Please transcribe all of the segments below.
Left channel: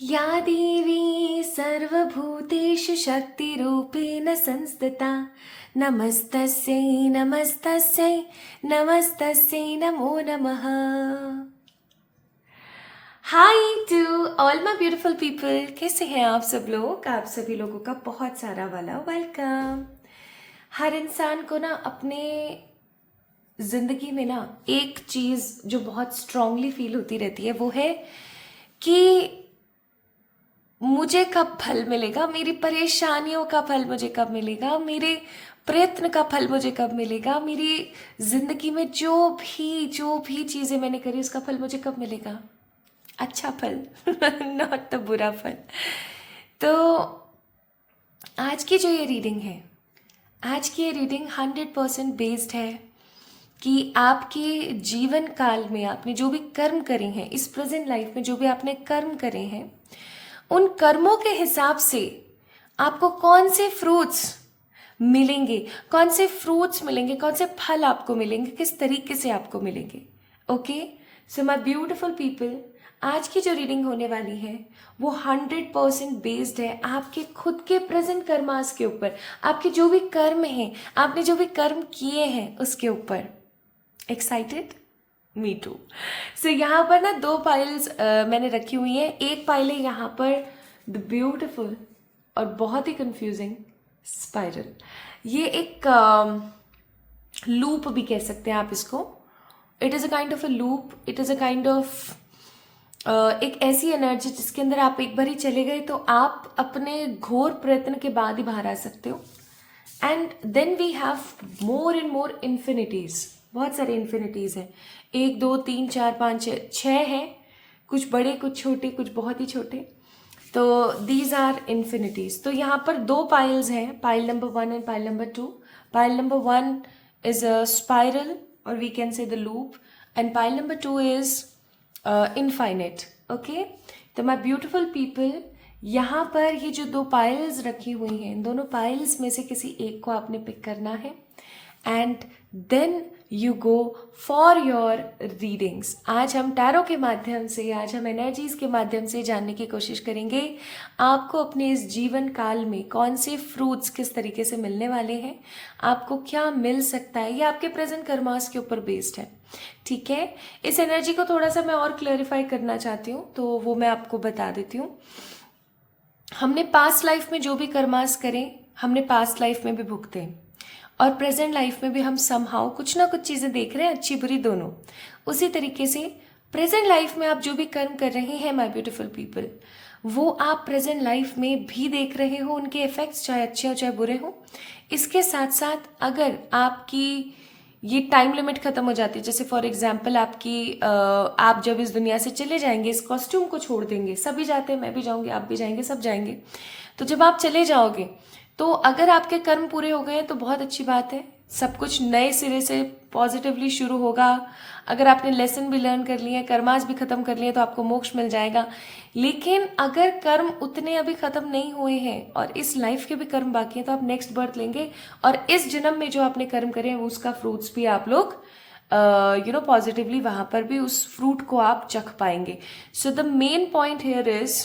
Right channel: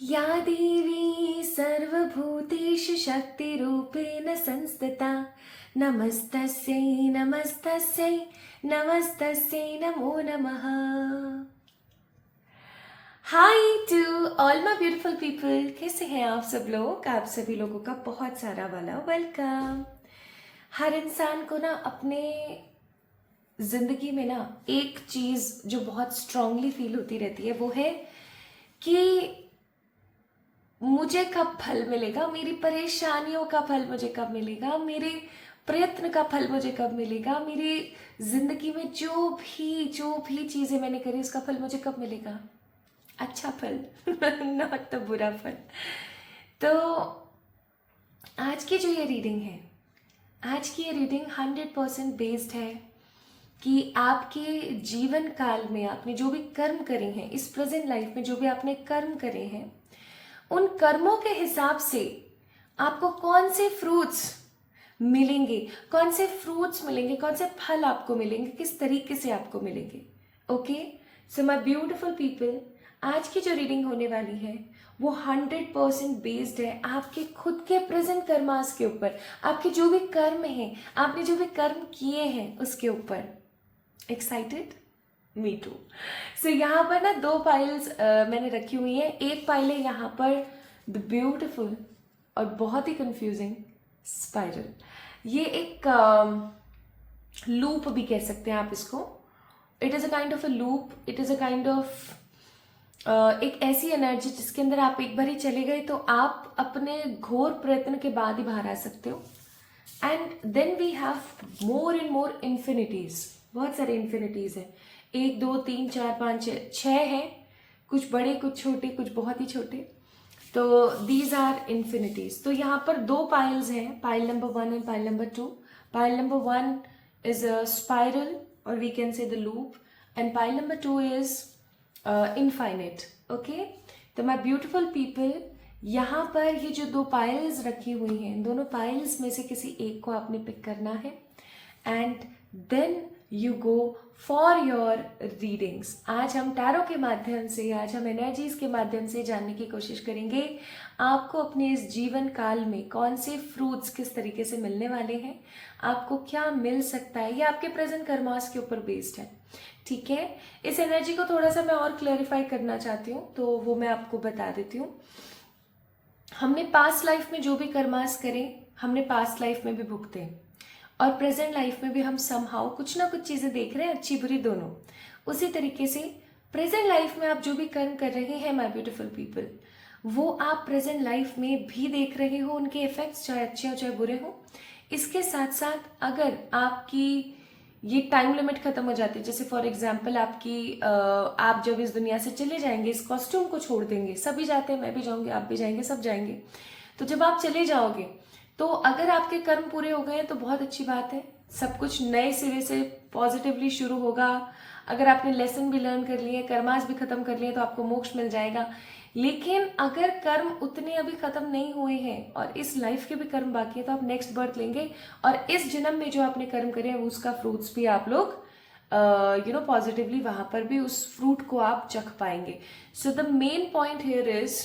या देवी सर्वभूतेषु शक्तिरूपेण संस्थिता नमस्तस्यै नमस्तस्यै नमस्तस्यै नमो नमः। Hi to all my beautiful people, कैसे हैं आप सब लोग? आप सभी लोगों का बहुत सारा वाला वेलकम। हर इंसान को ना अपने ज़िंदगी में ना एक चीज़ जो बहुत स्ट्रांगली फील होती रहती है वो है कि मुझे कब फल मिलेगा, मेरी परेशानियों का फल मुझे कब मिलेगा, मेरे प्रयत्न का फल मुझे कब मिलेगा, मेरी जिंदगी में जो भी चीजें मैंने करी उसका फल मुझे कब मिलेगा, अच्छा फल नॉट द बुरा फल। तो आज की जो ये रीडिंग है, आज की ये रीडिंग 100% बेस्ड है कि आपके जीवन काल में आपने जो भी कर्म करे हैं, इस प्रेजेंट लाइफ में जो भी आपने कर्म करे हैं, उन कर्मों के हिसाब से आपको कौन से फ्रूट्स मिलेंगे, कौन से फ्रूट्स मिलेंगे, कौन से फल आपको मिलेंगे, किस तरीके से आपको मिलेंगे। Okay, so my beautiful people, आज की जो रीडिंग होने वाली है वो 100% बेस्ड है आपके खुद के प्रेजेंट कर्मास के ऊपर, आपके जो भी कर्म हैं, आपने जो भी कर्म किए हैं उसके ऊपर। एक्साइटेड? Me to. सो यहाँ पर ना दो फाइल्स मैंने रखी हुई हैं। एक फाइल है यहाँ पर द ब्यूटिफुल और बहुत ही कंफ्यूजिंग स्पाइरल। ये एक लूप भी कह सकते हैं आप इसको। It is a kind of a loop, it is a kind of एक ऐसी एनर्जी जिसके अंदर आप एक बार ही चले गए तो आप अपने घोर प्रयत्न के बाद ही बाहर आ सकते हो। And then we have more and more infinities, बहुत सारे इन्फिनिटीज हैं। एक दो तीन चार पाँच छः हैं, कुछ बड़े कुछ छोटे, कुछ बहुत ही छोटे। तो दीज आर इन्फिनिटीज। तो यहाँ पर दो पाइल्स हैं, pile number 1 and pile number 2। Pile number 1 is a spiral और we can say the loop, and pile number 2 is infinite. Okay, तो माय ब्यूटिफुल पीपल, यहाँ पर ये जो दो पाइल्स रखी हुई हैं, इन दोनों पाइल्स में से किसी एक को आपने पिक करना है and then you go for your readings. आज हम टैरो के माध्यम से, आज हम एनर्जीज के माध्यम से जानने की कोशिश करेंगे आपको अपने इस जीवन काल में कौन से फ्रूट्स किस तरीके से मिलने वाले हैं, आपको क्या मिल सकता है। ये आपके प्रेजेंट कर्मास के ऊपर बेस्ड है, ठीक है। इस एनर्जी को थोड़ा सा मैं और क्लैरिफाई करना चाहती हूँ, तो वो मैं आपको बता देती हूँ। हमने पास्ट लाइफ में जो भी कर्मास करें, हमने पास्ट लाइफ में भी भुगते हैं और प्रेजेंट लाइफ में भी हम समहाउ कुछ ना कुछ चीज़ें देख रहे हैं, अच्छी बुरी दोनों। उसी तरीके से प्रेजेंट लाइफ में आप जो भी कर्म कर रहे हैं माय ब्यूटीफुल पीपल, वो आप प्रेजेंट लाइफ में भी देख रहे हो, उनके इफेक्ट्स चाहे अच्छे हो चाहे बुरे हो। इसके साथ साथ अगर आपकी ये टाइम लिमिट खत्म हो जाती है, जैसे फॉर एग्जाम्पल आपकी आप जब इस दुनिया से चले जाएंगे, इस कॉस्ट्यूम को छोड़ देंगे, सभी जाते हैं, मैं भी जाऊंगी, आप भी जाएंगे, सब जाएंगे। तो जब आप चले जाओगे तो अगर आपके कर्म पूरे हो गए तो बहुत अच्छी बात है, सब कुछ नए सिरे से पॉजिटिवली शुरू होगा। अगर आपने लेसन भी लर्न कर लिए, कर्मास भी खत्म कर लिए, तो आपको मोक्ष मिल जाएगा। लेकिन अगर कर्म उतने अभी खत्म नहीं हुए हैं और इस लाइफ के भी कर्म बाकी हैं, तो आप नेक्स्ट बर्थ लेंगे और इस जन्म में जो आपने कर्म करे हैं उसका फ्रूट्स भी आप लोग पॉजिटिवली वहां पर भी उस फ्रूट को आप चख पाएंगे। So the main point here is,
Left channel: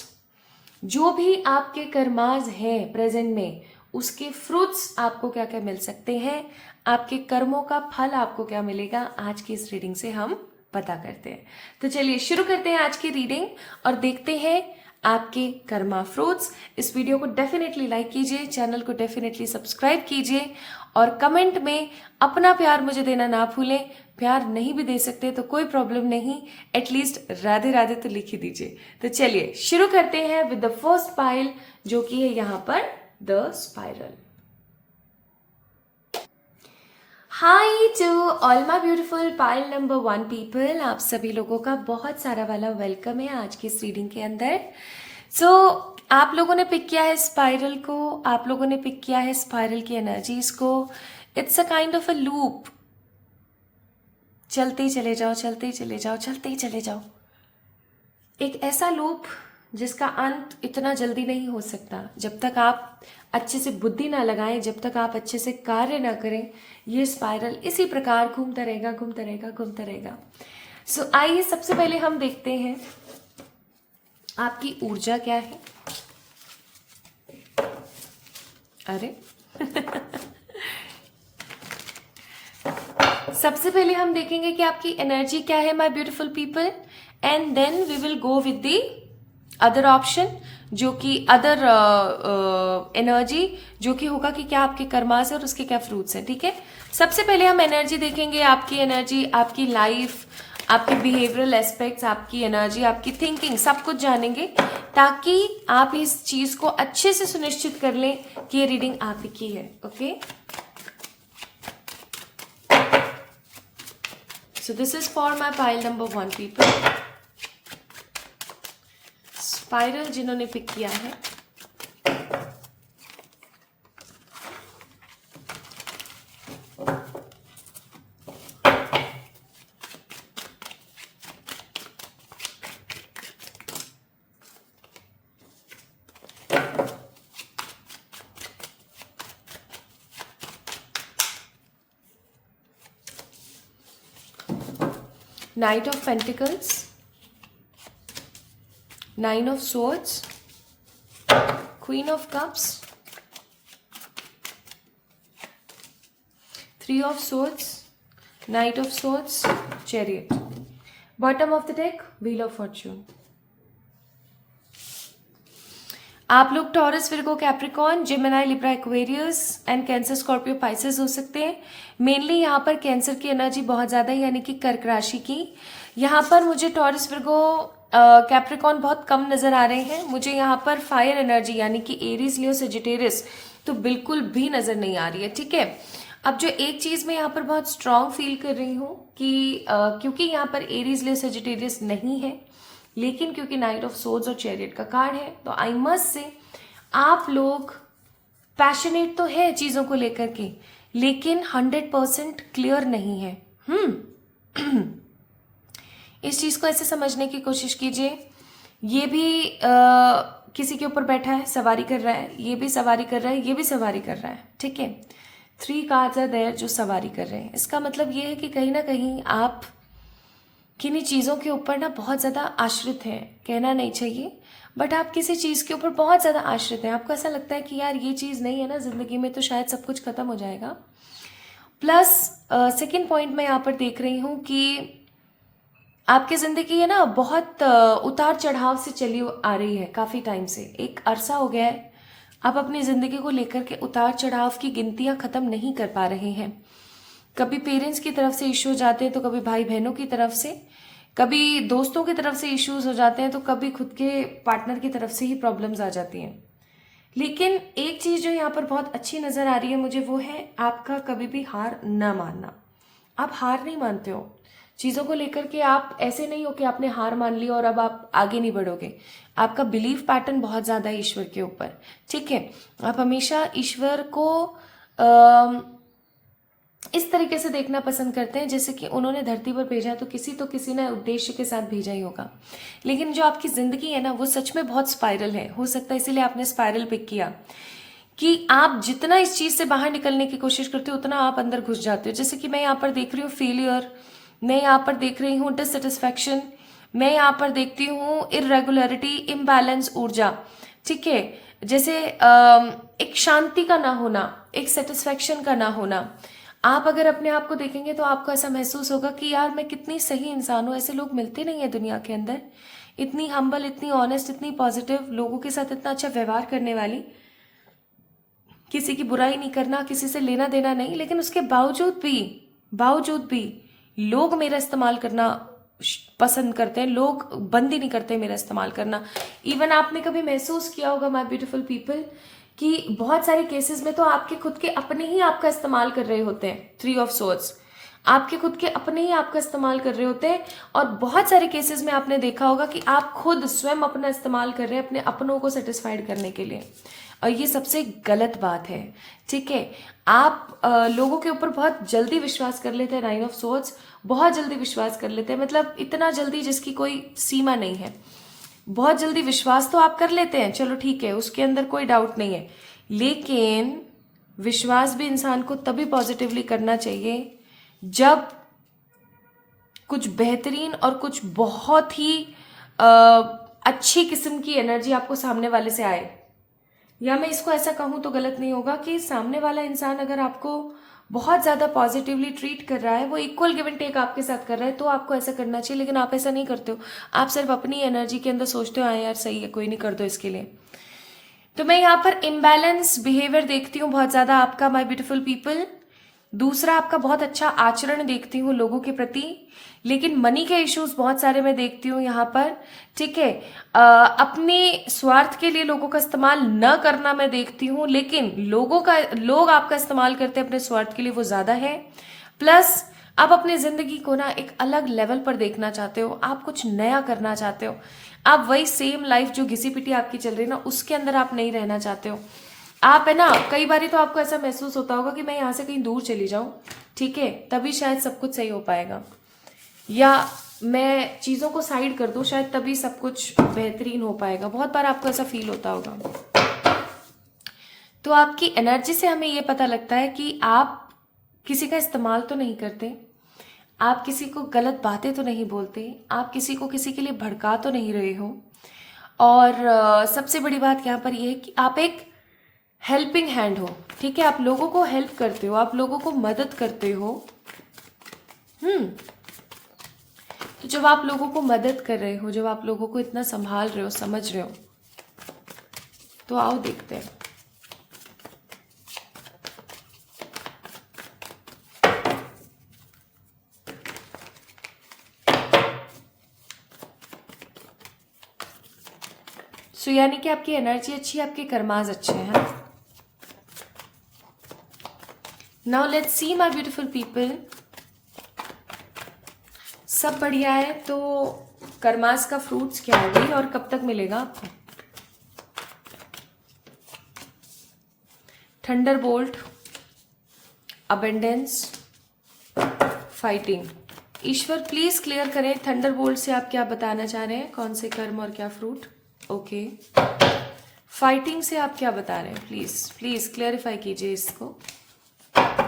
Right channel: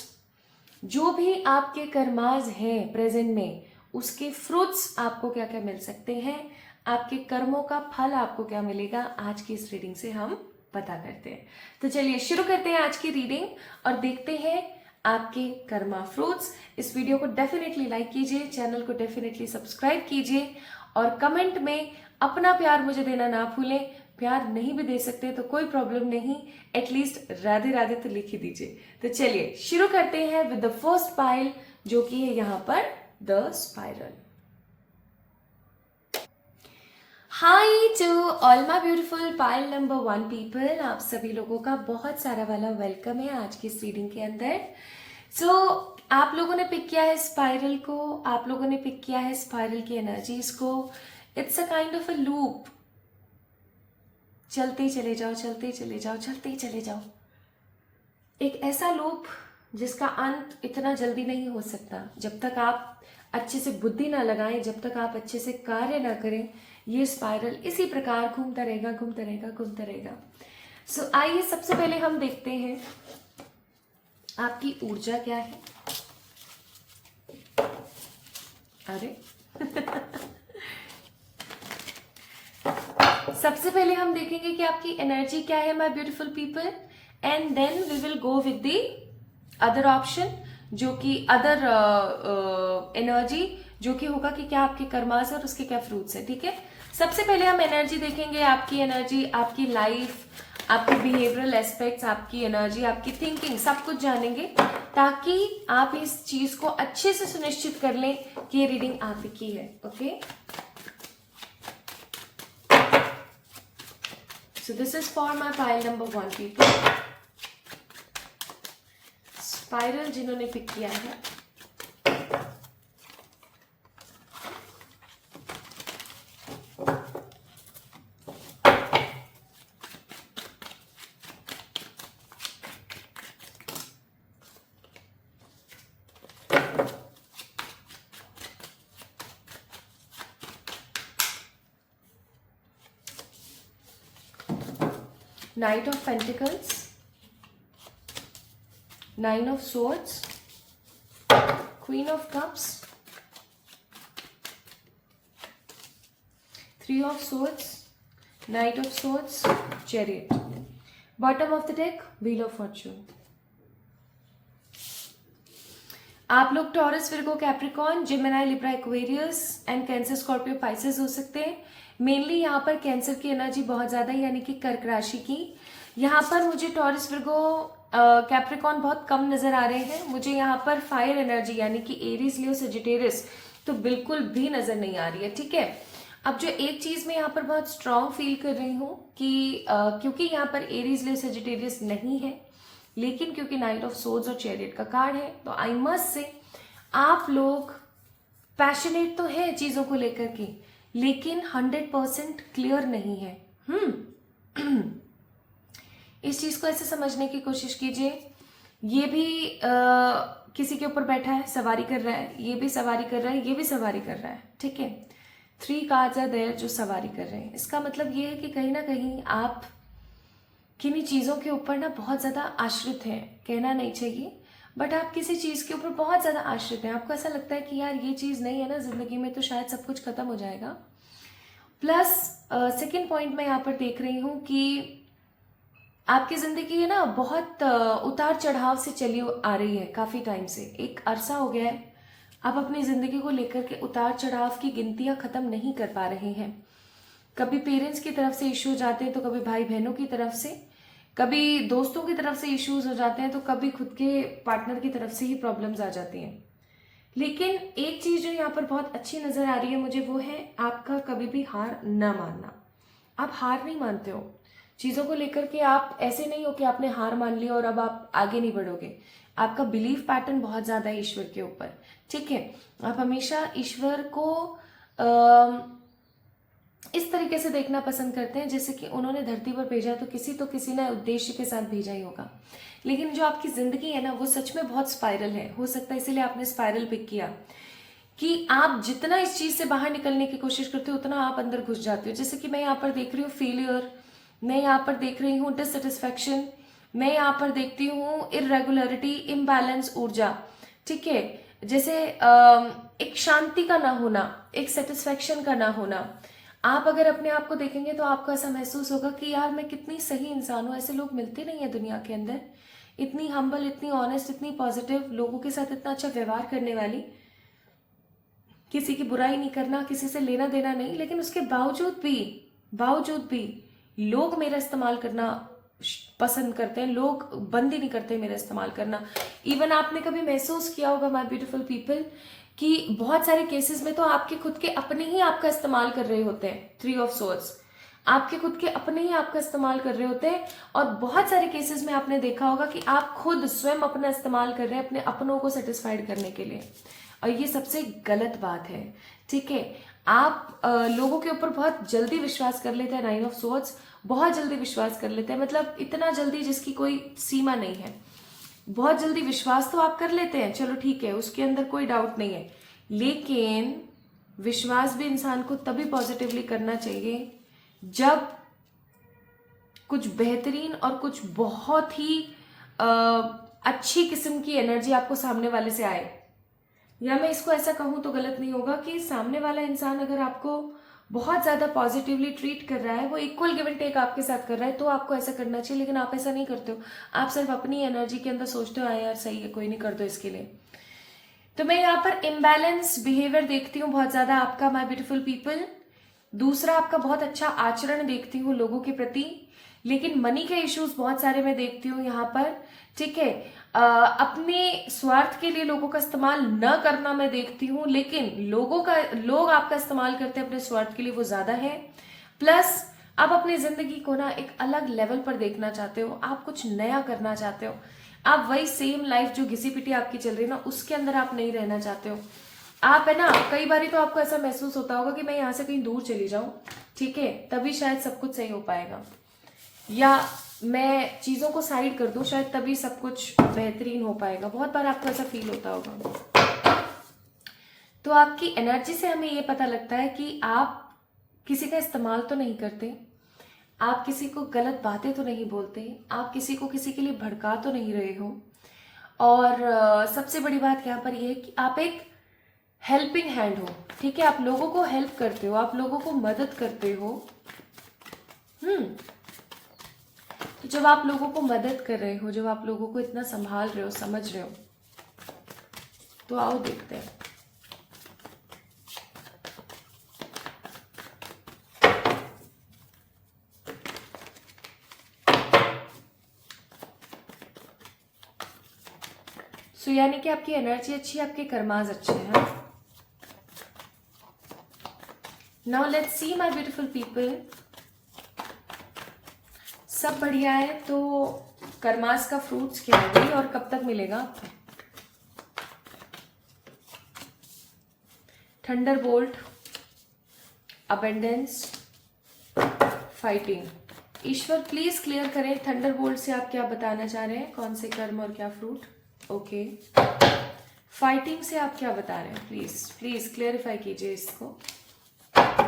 जो भी आपके कर्माज हैं प्रेजेंट में, उसके फ्रूट्स आपको क्या क्या मिल सकते हैं, आपके कर्मों का फल आपको क्या मिलेगा, आज की इस रीडिंग से हम पता करते हैं। तो चलिए शुरू करते हैं आज की रीडिंग और देखते हैं आपके कर्मा फ्रूट्स। इस वीडियो को डेफिनेटली लाइक कीजिए, चैनल को डेफिनेटली सब्सक्राइब कीजिए और कमेंट में अपना प्यार मुझे देना ना भूलें। प्यार नहीं भी दे सकते तो कोई प्रॉब्लम नहीं, एटलीस्ट राधे राधे तो लिख ही दीजिए। तो चलिए शुरू करते हैं विद द फर्स्ट पाइल, जो कि है यहाँ पर the spiral. Hi to all my beautiful pile number 1 people, आप सभी लोगों का बहुत सारा वाला वेलकम है आज की इस रीडिंग के अंदर। सो आप लोगों ने पिक किया है स्पाइरल को, आप लोगों ने पिक किया है स्पाइरल की एनर्जीज को। It's a kind of a loop, चलते चले जाओ, चलते चले जाओ, चलते चले जाओ। एक ऐसा लूप जिसका अंत इतना जल्दी नहीं हो सकता। जब तक आप अच्छे से बुद्धि ना लगाएं, जब तक आप अच्छे से कार्य ना करें, ये स्पाइरल इसी प्रकार घूमता रहेगा, घूमता रहेगा, घूमता रहेगा। सो आइए सबसे पहले हम देखते हैं आपकी ऊर्जा क्या है? अरे सबसे पहले हम देखेंगे कि आपकी एनर्जी क्या है my beautiful people, and then we will go with the other option, जो कि अदर एनर्जी, जो कि होगा कि क्या आपके कर्मास है और उसके क्या फ्रूट्स हैं। ठीक है, सबसे पहले हम एनर्जी देखेंगे, आपकी एनर्जी, आपकी लाइफ, आपके बिहेवियरल एस्पेक्ट्स, आपकी एनर्जी, आपकी थिंकिंग, सब कुछ जानेंगे, ताकि आप इस चीज को अच्छे से सुनिश्चित कर लें कि ये रीडिंग आप की है। Okay, so this is for my pile number 1 people. Spiral जिन्होंने पिक किया है, Knight of Pentacles, Nine of Swords, Queen of Cups, Three of Swords, Knight of Swords, Chariot. Bottom of the deck, Wheel of Fortune. आप लोग taurus, Virgo, Capricorn, Gemini, Libra, Aquarius and cancer, Scorpio, Pisces हो सकते हैं। Mainly यहाँ पर cancer की energy बहुत ज्यादा है, यानी कि कर्क राशि की। यहाँ पर मुझे टॉरस, विर्गो, कैप्रिकॉर्न बहुत कम नजर आ रहे हैं। मुझे यहाँ पर फायर एनर्जी यानी कि एरीज, लियो, सेजिटेरियस तो बिल्कुल भी नजर नहीं आ रही है। ठीक है, अब जो एक चीज मैं यहाँ पर बहुत स्ट्रांग फील कर रही हूँ कि क्योंकि यहाँ पर एरीज, लियो, सेजिटेरियस नहीं है, लेकिन क्योंकि नाइट ऑफ सोर्ड्स और चैरियट का कार्ड है, तो आई मस्ट से आप लोग पैशनेट तो है चीजों को लेकर के, लेकिन 100% क्लियर नहीं है। इस चीज को ऐसे समझने की कोशिश कीजिए, ये भी किसी के ऊपर बैठा है, सवारी कर रहा है, ये भी सवारी कर रहा है, ये भी सवारी कर रहा है। ठीक है, 3 कार्ड्स आर देयर जो सवारी कर रहे हैं। इसका मतलब ये है कि कहीं ना कहीं आप किन्हीं चीज़ों के ऊपर ना बहुत ज़्यादा आश्रित हैं, कहना नहीं चाहिए, बट आप किसी चीज़ के ऊपर बहुत ज़्यादा आश्रित हैं। आपको ऐसा लगता है कि यार ये चीज़ नहीं है ना ज़िंदगी में, तो शायद सब कुछ खत्म हो जाएगा। प्लस सेकेंड पॉइंट मैं यहाँ पर देख रही हूँ कि आपकी ज़िंदगी है ना बहुत उतार चढ़ाव से चली आ रही है, काफ़ी टाइम से, एक अरसा हो गया है। आप अपनी ज़िंदगी को लेकर के उतार चढ़ाव की गिनतियाँ ख़त्म नहीं कर पा रहे हैं। कभी पेरेंट्स की तरफ से इश्यू हो जाते हैं, तो कभी भाई बहनों की तरफ से, कभी दोस्तों की तरफ से इश्यूज हो जाते हैं, तो कभी खुद के पार्टनर की तरफ से ही प्रॉब्लम्स आ जाती हैं। लेकिन एक चीज़ जो यहाँ पर बहुत अच्छी नज़र आ रही है मुझे, वो है आपका कभी भी हार न मानना। आप हार नहीं मानते हो चीज़ों को लेकर के, आप ऐसे नहीं हो कि आपने हार मान ली और अब आप आगे नहीं बढ़ोगे। आपका बिलीफ पैटर्न बहुत ज़्यादा है ईश्वर के ऊपर। ठीक है, आप हमेशा ईश्वर को इस तरीके से देखना पसंद करते हैं जैसे कि उन्होंने धरती पर भेजा है, तो किसी ने उद्देश्य के साथ भेजा ही होगा। लेकिन जो आपकी जिंदगी है ना, वो सच में बहुत स्पाइरल है। हो सकता है इसीलिए आपने स्पाइरल पिक किया, कि आप जितना इस चीज से बाहर निकलने की कोशिश करते हो, उतना आप अंदर घुस जाते हो। जैसे कि मैं यहाँ पर देख रही हूँ फेलियर, मैं यहाँ पर देख रही हूँ डिससेटिस्फैक्शन, मैं यहाँ पर देखती हूँ इरेगुलरिटी, इम्बैलेंस ऊर्जा। ठीक है, जैसे एक शांति का ना होना, एक सेटिस्फैक्शन का ना होना। आप अगर अपने आप को देखेंगे तो आपको ऐसा महसूस होगा कि यार मैं कितनी सही इंसान हूँ। ऐसे लोग मिलते नहीं है दुनिया के अंदर, इतनी हम्बल, इतनी ऑनेस्ट, इतनी पॉजिटिव, लोगों के साथ इतना अच्छा व्यवहार करने वाली, किसी की बुराई नहीं करना, किसी से लेना देना नहीं, लेकिन उसके बावजूद भी लोग मेरा इस्तेमाल करना पसंद करते हैं, लोग बंद ही नहीं करते मेरा इस्तेमाल करना। इवन आपने कभी महसूस किया होगा माय ब्यूटीफुल पीपल कि बहुत सारे केसेस में तो आपके खुद के अपने ही आपका इस्तेमाल कर रहे होते हैं। 3 ऑफ सोर्ड्स, आपके खुद के अपने ही आपका इस्तेमाल कर रहे होते हैं, और बहुत सारे केसेस में आपने देखा होगा कि आप खुद स्वयं अपना इस्तेमाल कर रहे हैं अपने अपनों को सेटिस्फाइड करने के लिए, और ये सबसे गलत बात है। ठीक है, आप लोगों के ऊपर बहुत जल्दी विश्वास कर लेते हैं। 9 ऑफ सोर्ड्स, बहुत जल्दी विश्वास कर लेते हैं, मतलब इतना जल्दी जिसकी कोई सीमा नहीं है। बहुत जल्दी विश्वास तो आप कर लेते हैं, चलो ठीक है, उसके अंदर कोई डाउट नहीं है, लेकिन विश्वास भी इंसान को तभी पॉजिटिवली करना चाहिए जब कुछ बेहतरीन और कुछ बहुत ही अच्छी किस्म की एनर्जी आपको सामने वाले से आए, या मैं इसको ऐसा कहूं तो गलत नहीं होगा कि सामने वाला इंसान अगर आपको बहुत ज्यादा पॉजिटिवली ट्रीट कर रहा है, वो इक्वल गिव एंड टेक आपके साथ कर रहा है, तो आपको ऐसा करना चाहिए। लेकिन आप ऐसा नहीं करते हो, आप सिर्फ अपनी एनर्जी के अंदर सोचते हो हाँ यार सही है, कोई नहीं, कर दो इसके लिए। तो मैं यहाँ पर इनबैलेंस बिहेवियर देखती हूँ बहुत ज्यादा आपका, माय ब्यूटीफुल पीपल। दूसरा, आपका बहुत अच्छा आचरण देखती हूँ लोगों के प्रति, लेकिन मनी के इश्यूज बहुत सारे मैं देखती हूँ यहाँ पर, ठीक है। अपने स्वार्थ के लिए लोगों का इस्तेमाल न करना मैं देखती हूँ, लेकिन लोग आपका इस्तेमाल करते हैं अपने स्वार्थ के लिए, वो ज्यादा है। प्लस आप अपनी जिंदगी को ना एक अलग लेवल पर देखना चाहते हो, आप कुछ नया करना चाहते हो, आप वही सेम लाइफ जो घिसी पिटी आपकी चल रही है ना उसके अंदर आप नहीं रहना चाहते हो। आप है ना, कई बार तो आपको ऐसा महसूस होता होगा कि मैं यहाँ से कहीं दूर चली जाऊं, ठीक है, तभी शायद सब कुछ सही हो पाएगा, या मैं चीजों को साइड कर दूं शायद तभी सब कुछ बेहतरीन हो पाएगा। बहुत बार आपको ऐसा फील होता होगा। तो आपकी एनर्जी से हमें ये पता लगता है कि आप किसी का इस्तेमाल तो नहीं करते, आप किसी को गलत बातें तो नहीं बोलते, आप किसी को किसी के लिए भड़का तो नहीं रहे हो, और सबसे बड़ी बात यहाँ पर यह है कि आप एक हेल्पिंग हैंड हो, ठीक है, आप लोगों को हेल्प करते हो, आप लोगों को मदद करते हो। तो जब आप लोगों को मदद कर रहे हो, जब आप लोगों को इतना संभाल रहे हो, समझ रहे हो, तो आओ देखते हैं। सो यानी कि आपकी एनर्जी अच्छी है, आपके कर्माज अच्छे हैं। Now let's see my beautiful people, सब बढ़िया है, तो कर्मास का फ्रूट्स क्या होगी और कब तक मिलेगा आपको? Thunderbolt, abundance, fighting. Ishwar please clear करें, थंडरबोल्ट से आप क्या बताना चाह रहे हैं, कौन से कर्म और क्या फ्रूट? ओके। फाइटिंग से आप क्या बता रहे हैं, प्लीज प्लीज क्लियरिफाई कीजिए इसको।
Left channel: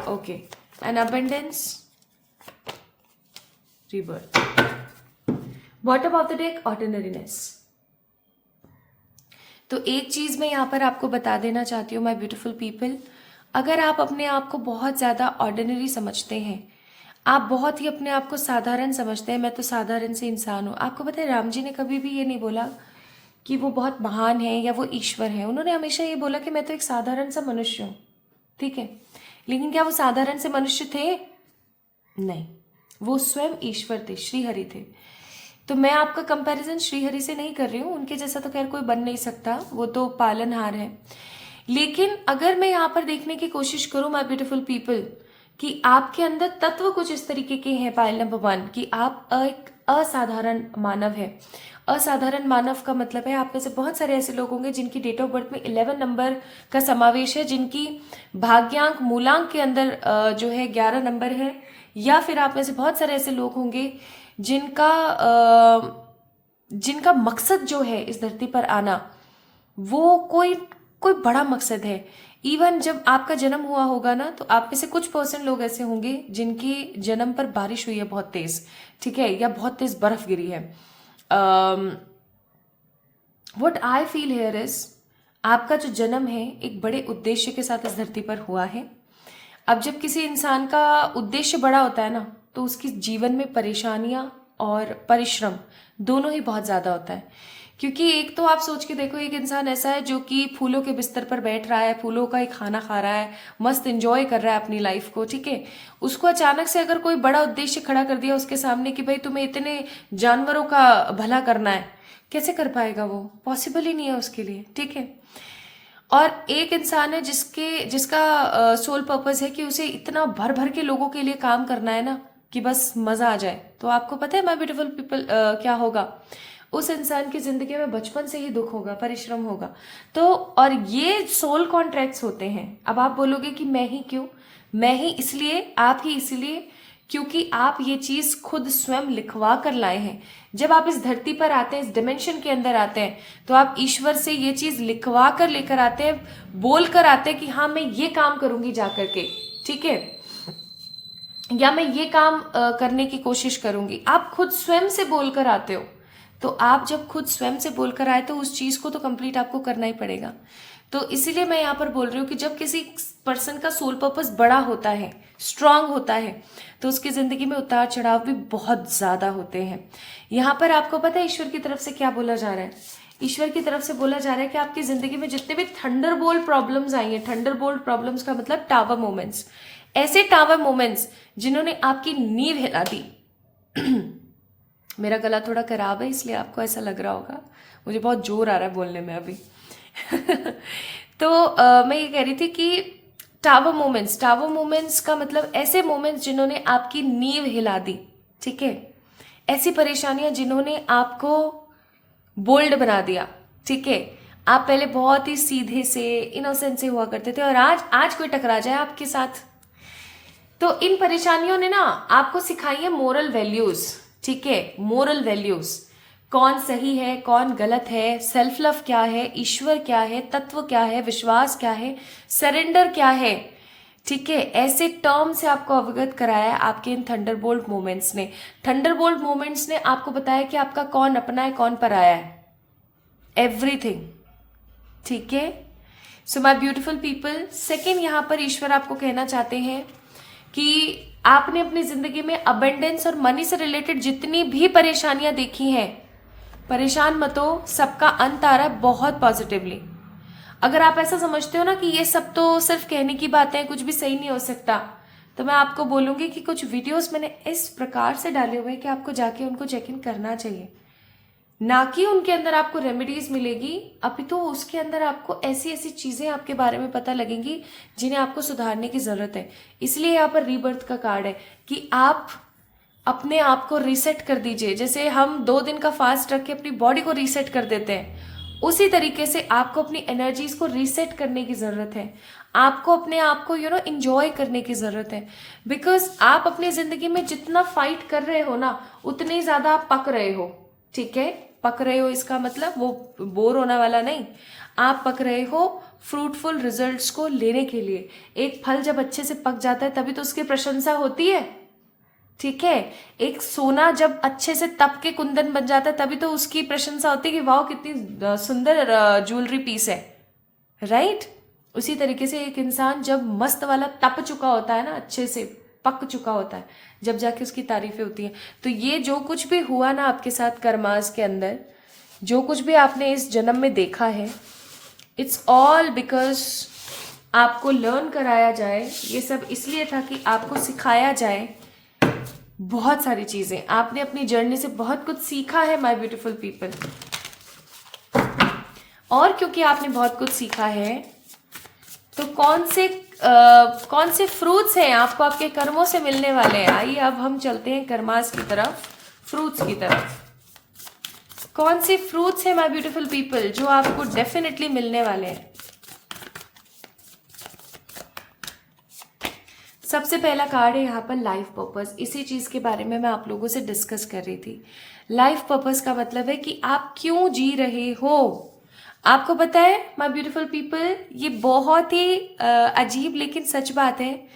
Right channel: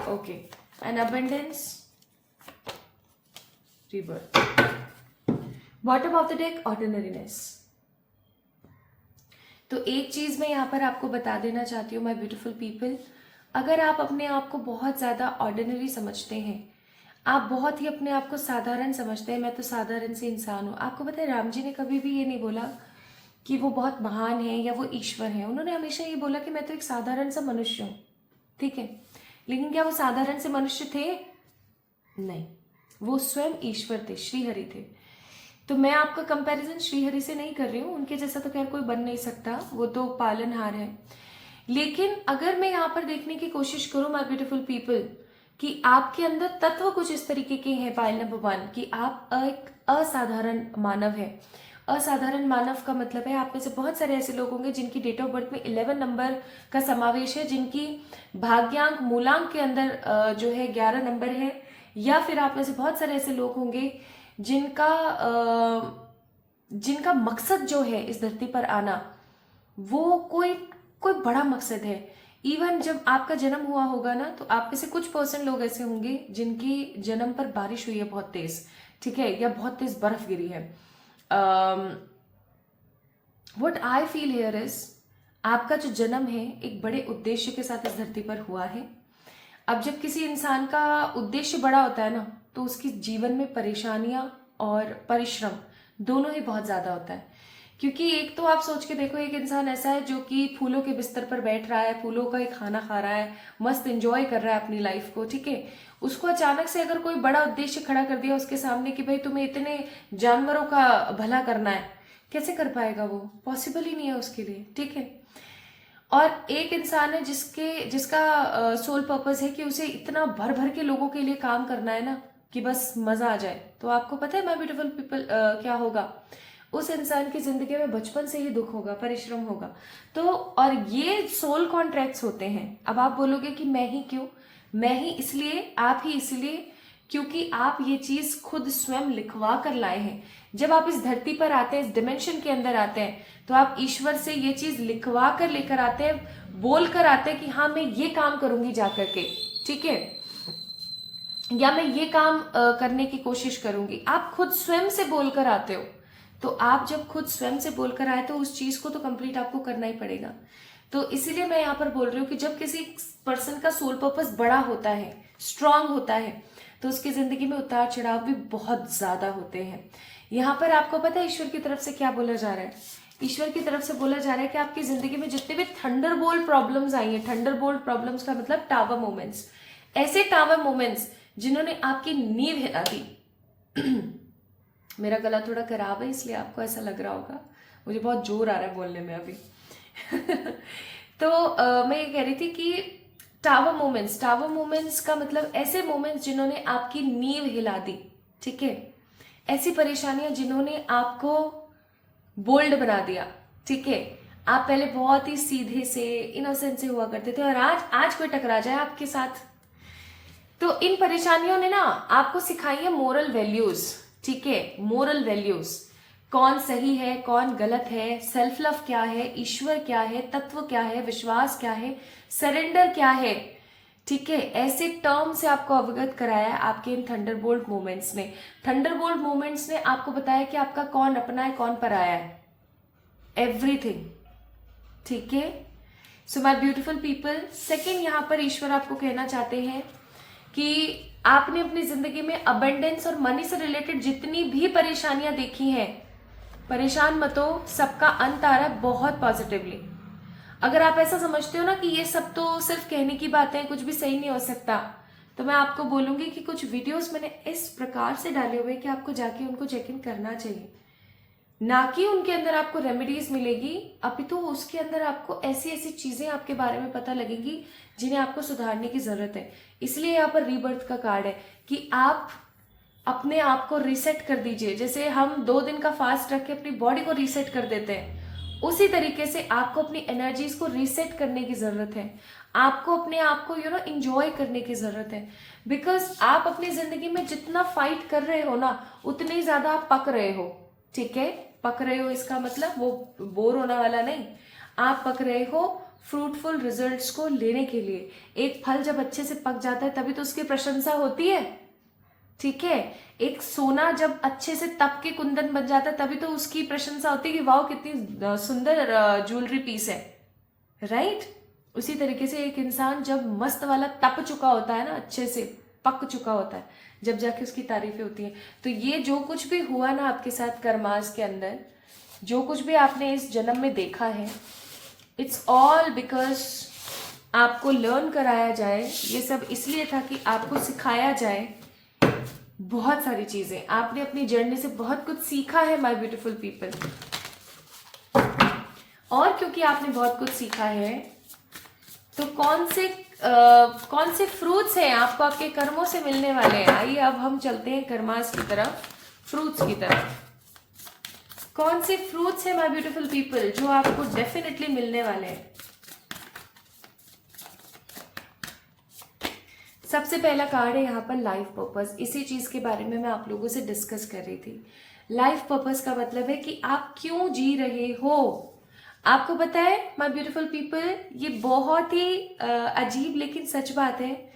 Okay. And abundance, rebirth. Bottom of the deck, ordinariness. तो एक चीज मैं यहाँ पर आपको बता देना चाहती हूँ माय ब्यूटीफुल पीपल, अगर आप अपने आप को बहुत ज्यादा ऑर्डिनरी समझते हैं, आप बहुत ही अपने आप को साधारण समझते हैं, मैं तो साधारण से इंसान हूँ। आपको पता है राम जी ने कभी भी ये नहीं बोला कि वो बहुत महान है या वो ईश्वर है, उन्होंने हमेशा ये बोला कि मैं तो एक साधारण सा मनुष्य हूँ, ठीक है। लेकिन क्या वो साधारण से मनुष्य थे? नहीं, वो स्वयं ईश्वर थे, श्रीहरि थे। तो मैं आपका कंपैरिजन श्रीहरि से नहीं कर रही हूँ, उनके जैसा तो खैर कोई बन नहीं सकता, वो तो पालनहार है। लेकिन अगर मैं यहाँ पर देखने की कोशिश करूँ माय ब्यूटीफुल पीपल कि आपके अंदर तत्व कुछ इस तरीके के हैं, पायल नंबर 1 कि आप एक असाधारण मानव है। असाधारण मानव का मतलब है आप में से बहुत सारे ऐसे लोग होंगे जिनकी डेट ऑफ बर्थ में 11 नंबर का समावेश है, जिनकी भाग्यांक मूलांक के अंदर जो है 11 नंबर है, या फिर आप में से बहुत सारे ऐसे लोग होंगे जिनका मकसद जो है इस धरती पर आना वो कोई बड़ा मकसद है। इवन जब आपका जन्म हुआ होगा ना, तो आप में से कुछ % लोग ऐसे होंगे जिनके जन्म पर बारिश हुई है बहुत तेज, ठीक है, या बहुत तेज बर्फ गिरी है। What I feel here is, आपका जो जन्म है एक बड़े उद्देश्य के साथ इस धरती पर हुआ है। अब जब किसी इंसान का उद्देश्य बड़ा होता है ना, तो उसकी जीवन में परेशानियां और परिश्रम दोनों ही बहुत ज्यादा होता है। क्योंकि एक तो आप सोच के देखो, एक इंसान ऐसा है जो कि फूलों के बिस्तर पर बैठ रहा है, फूलों का ही खाना खा रहा है, मस्त एंजॉय कर रहा है अपनी लाइफ को, ठीक है। उसको अचानक से अगर कोई बड़ा उद्देश्य खड़ा कर दिया उसके सामने कि भाई तुम्हें इतने जानवरों का भला करना है, कैसे कर पाएगा? वो पॉसिबल ही नहीं है उसके लिए, ठीक है। और एक इंसान है जिसका सोल पर्पस है कि उसे इतना भर भर के लोगों के लिए काम करना है ना कि बस मजा आ जाए। तो आपको पता है माय ब्यूटीफुल पीपल क्या होगा? उस इंसान की जिंदगी में बचपन से ही दुख होगा, परिश्रम होगा। तो और ये सोल कॉन्ट्रैक्ट्स होते हैं। अब आप बोलोगे कि मैं ही क्यों? मैं ही इसलिए, आप ही इसलिए क्योंकि आप ये चीज खुद स्वयं लिखवा कर लाए हैं। जब आप इस धरती पर आते हैं, इस डिमेंशन के अंदर आते हैं, तो आप ईश्वर से ये चीज लिखवा कर लेकर आते हैं, बोल कर आते हैं कि हाँ मैं ये काम करूंगी जाकर के, ठीक है, या मैं ये काम करने की कोशिश करूंगी। आप खुद स्वयं से बोलकर आते हो, तो आप जब खुद स्वयं से बोलकर आए तो उस चीज को तो कंप्लीट आपको करना ही पड़ेगा। तो इसीलिए मैं यहाँ पर बोल रही हूँ कि जब किसी पर्सन का सोल पर्पस बड़ा होता है, स्ट्रांग होता है, तो उसकी जिंदगी में उतार चढ़ाव भी बहुत ज्यादा होते हैं। यहाँ पर आपको पता है ईश्वर की तरफ से क्या बोला जा रहा है? ईश्वर की तरफ से बोला जा रहा है कि आपकी जिंदगी में जितने भी थंडरबोल्ट प्रॉब्लम्स आई हैं, थंडरबोल्ट प्रॉब्लम्स का मतलब टावर मोमेंट्स, ऐसे टावर मोमेंट्स जिन्होंने आपकी नींव हिला दी। मेरा गला थोड़ा खराब है इसलिए आपको ऐसा लग रहा होगा, मुझे बहुत जोर आ रहा है बोलने में अभी। तो मैं ये कह रही थी कि टावर मोमेंट्स का मतलब ऐसे मोमेंट्स जिन्होंने आपकी नींव हिला दी, ठीक है, ऐसी परेशानियां जिन्होंने आपको बोल्ड बना दिया, ठीक है। आप पहले बहुत ही सीधे से, इनोसेंट से हुआ करते थे और आज कोई टकरा जाए आपके साथ, तो इन परेशानियों ने ना आपको सिखाई है मोरल वैल्यूज, ठीक है। मोरल वैल्यूज, कौन सही है, कौन गलत है, सेल्फ लव क्या है, ईश्वर क्या है, तत्व क्या है, विश्वास क्या है, सरेंडर क्या है, ठीक है। ऐसे टर्म से आपको अवगत कराया है आपके इन थंडरबोल्ट मोमेंट्स ने। थंडरबोल्ट मोमेंट्स ने आपको बताया कि आपका कौन अपना है, कौन पराया है, एवरीथिंग, ठीक है। So my beautiful people, second यहाँ पर ईश्वर आपको कहना चाहते हैं कि आपने अपनी जिंदगी में अबंडेंस और मनी से रिलेटेड जितनी भी परेशानियां देखी हैं, परेशान मत हो, सबका अंत आ रहा है बहुत पॉजिटिवली। अगर आप ऐसा समझते हो ना कि ये सब तो सिर्फ कहने की बातें हैं, कुछ भी सही नहीं हो सकता, तो मैं आपको बोलूंगी कि कुछ वीडियोस मैंने इस प्रकार से डाले हुए कि आपको जाके उनको चेक इन करना चाहिए। ना कि उनके अंदर आपको रेमेडीज मिलेगी, अभी तो उसके अंदर आपको ऐसी ऐसी चीजें आपके बारे में पता लगेंगी जिन्हें आपको सुधारने की जरूरत है। इसलिए यहाँ पर रीबर्थ का कार्ड है कि आप अपने आप को रीसेट कर दीजिए। जैसे हम 2 दिन का फास्ट रख के अपनी बॉडी को रीसेट कर देते हैं, उसी तरीके से आपको अपनी एनर्जीज को रीसेट करने की जरूरत है। आपको अपने आप को इंजॉय करने की जरूरत है, बिकॉज आप अपनी जिंदगी में जितना फाइट कर रहे हो ना, उतनी ज्यादा आप पक रहे हो, ठीक है। पक रहे हो इसका मतलब वो बोर होने वाला नहीं, आप पक रहे हो फ्रूटफुल रिजल्ट्स को लेने के लिए। एक फल जब अच्छे से पक जाता है तभी तो उसकी प्रशंसा होती है, ठीक है। एक सोना जब अच्छे से तप के कुंदन बन जाता है तभी तो उसकी प्रशंसा होती है कि वाह कितनी सुंदर ज्वेलरी पीस है, राइट। उसी तरीके से एक इंसान जब मस्त वाला तप चुका होता है ना, अच्छे से पक चुका होता है, जब जाके उसकी तारीफें होती हैं। तो ये जो कुछ भी हुआ ना आपके साथ कर्मास के अंदर, जो कुछ भी आपने इस जन्म में देखा है, इट्स ऑल बिकॉज आपको लर्न कराया जाए। ये सब इसलिए था कि आपको सिखाया जाए बहुत सारी चीजें। आपने अपनी जर्नी से बहुत कुछ सीखा है माय ब्यूटीफुल पीपल, और क्योंकि आपने बहुत कुछ सीखा है तो कौन से फ्रूट्स हैं आपको आपके कर्मों से मिलने वाले हैं। आइए अब हम चलते हैं कर्मास की तरफ, फ्रूट्स की तरफ। कौन से फ्रूट्स हैं माय ब्यूटीफुल पीपल जो आपको डेफिनेटली मिलने वाले हैं। सबसे पहला कार्ड है यहाँ पर लाइफ पर्पस। इसी चीज के बारे में मैं आप लोगों से डिस्कस कर रही थी। लाइफ पर्पस का मतलब है कि आप क्यों जी रहे हो। आपको पता है माय ब्यूटीफुल पीपल, ये बहुत ही अजीब लेकिन सच बात है,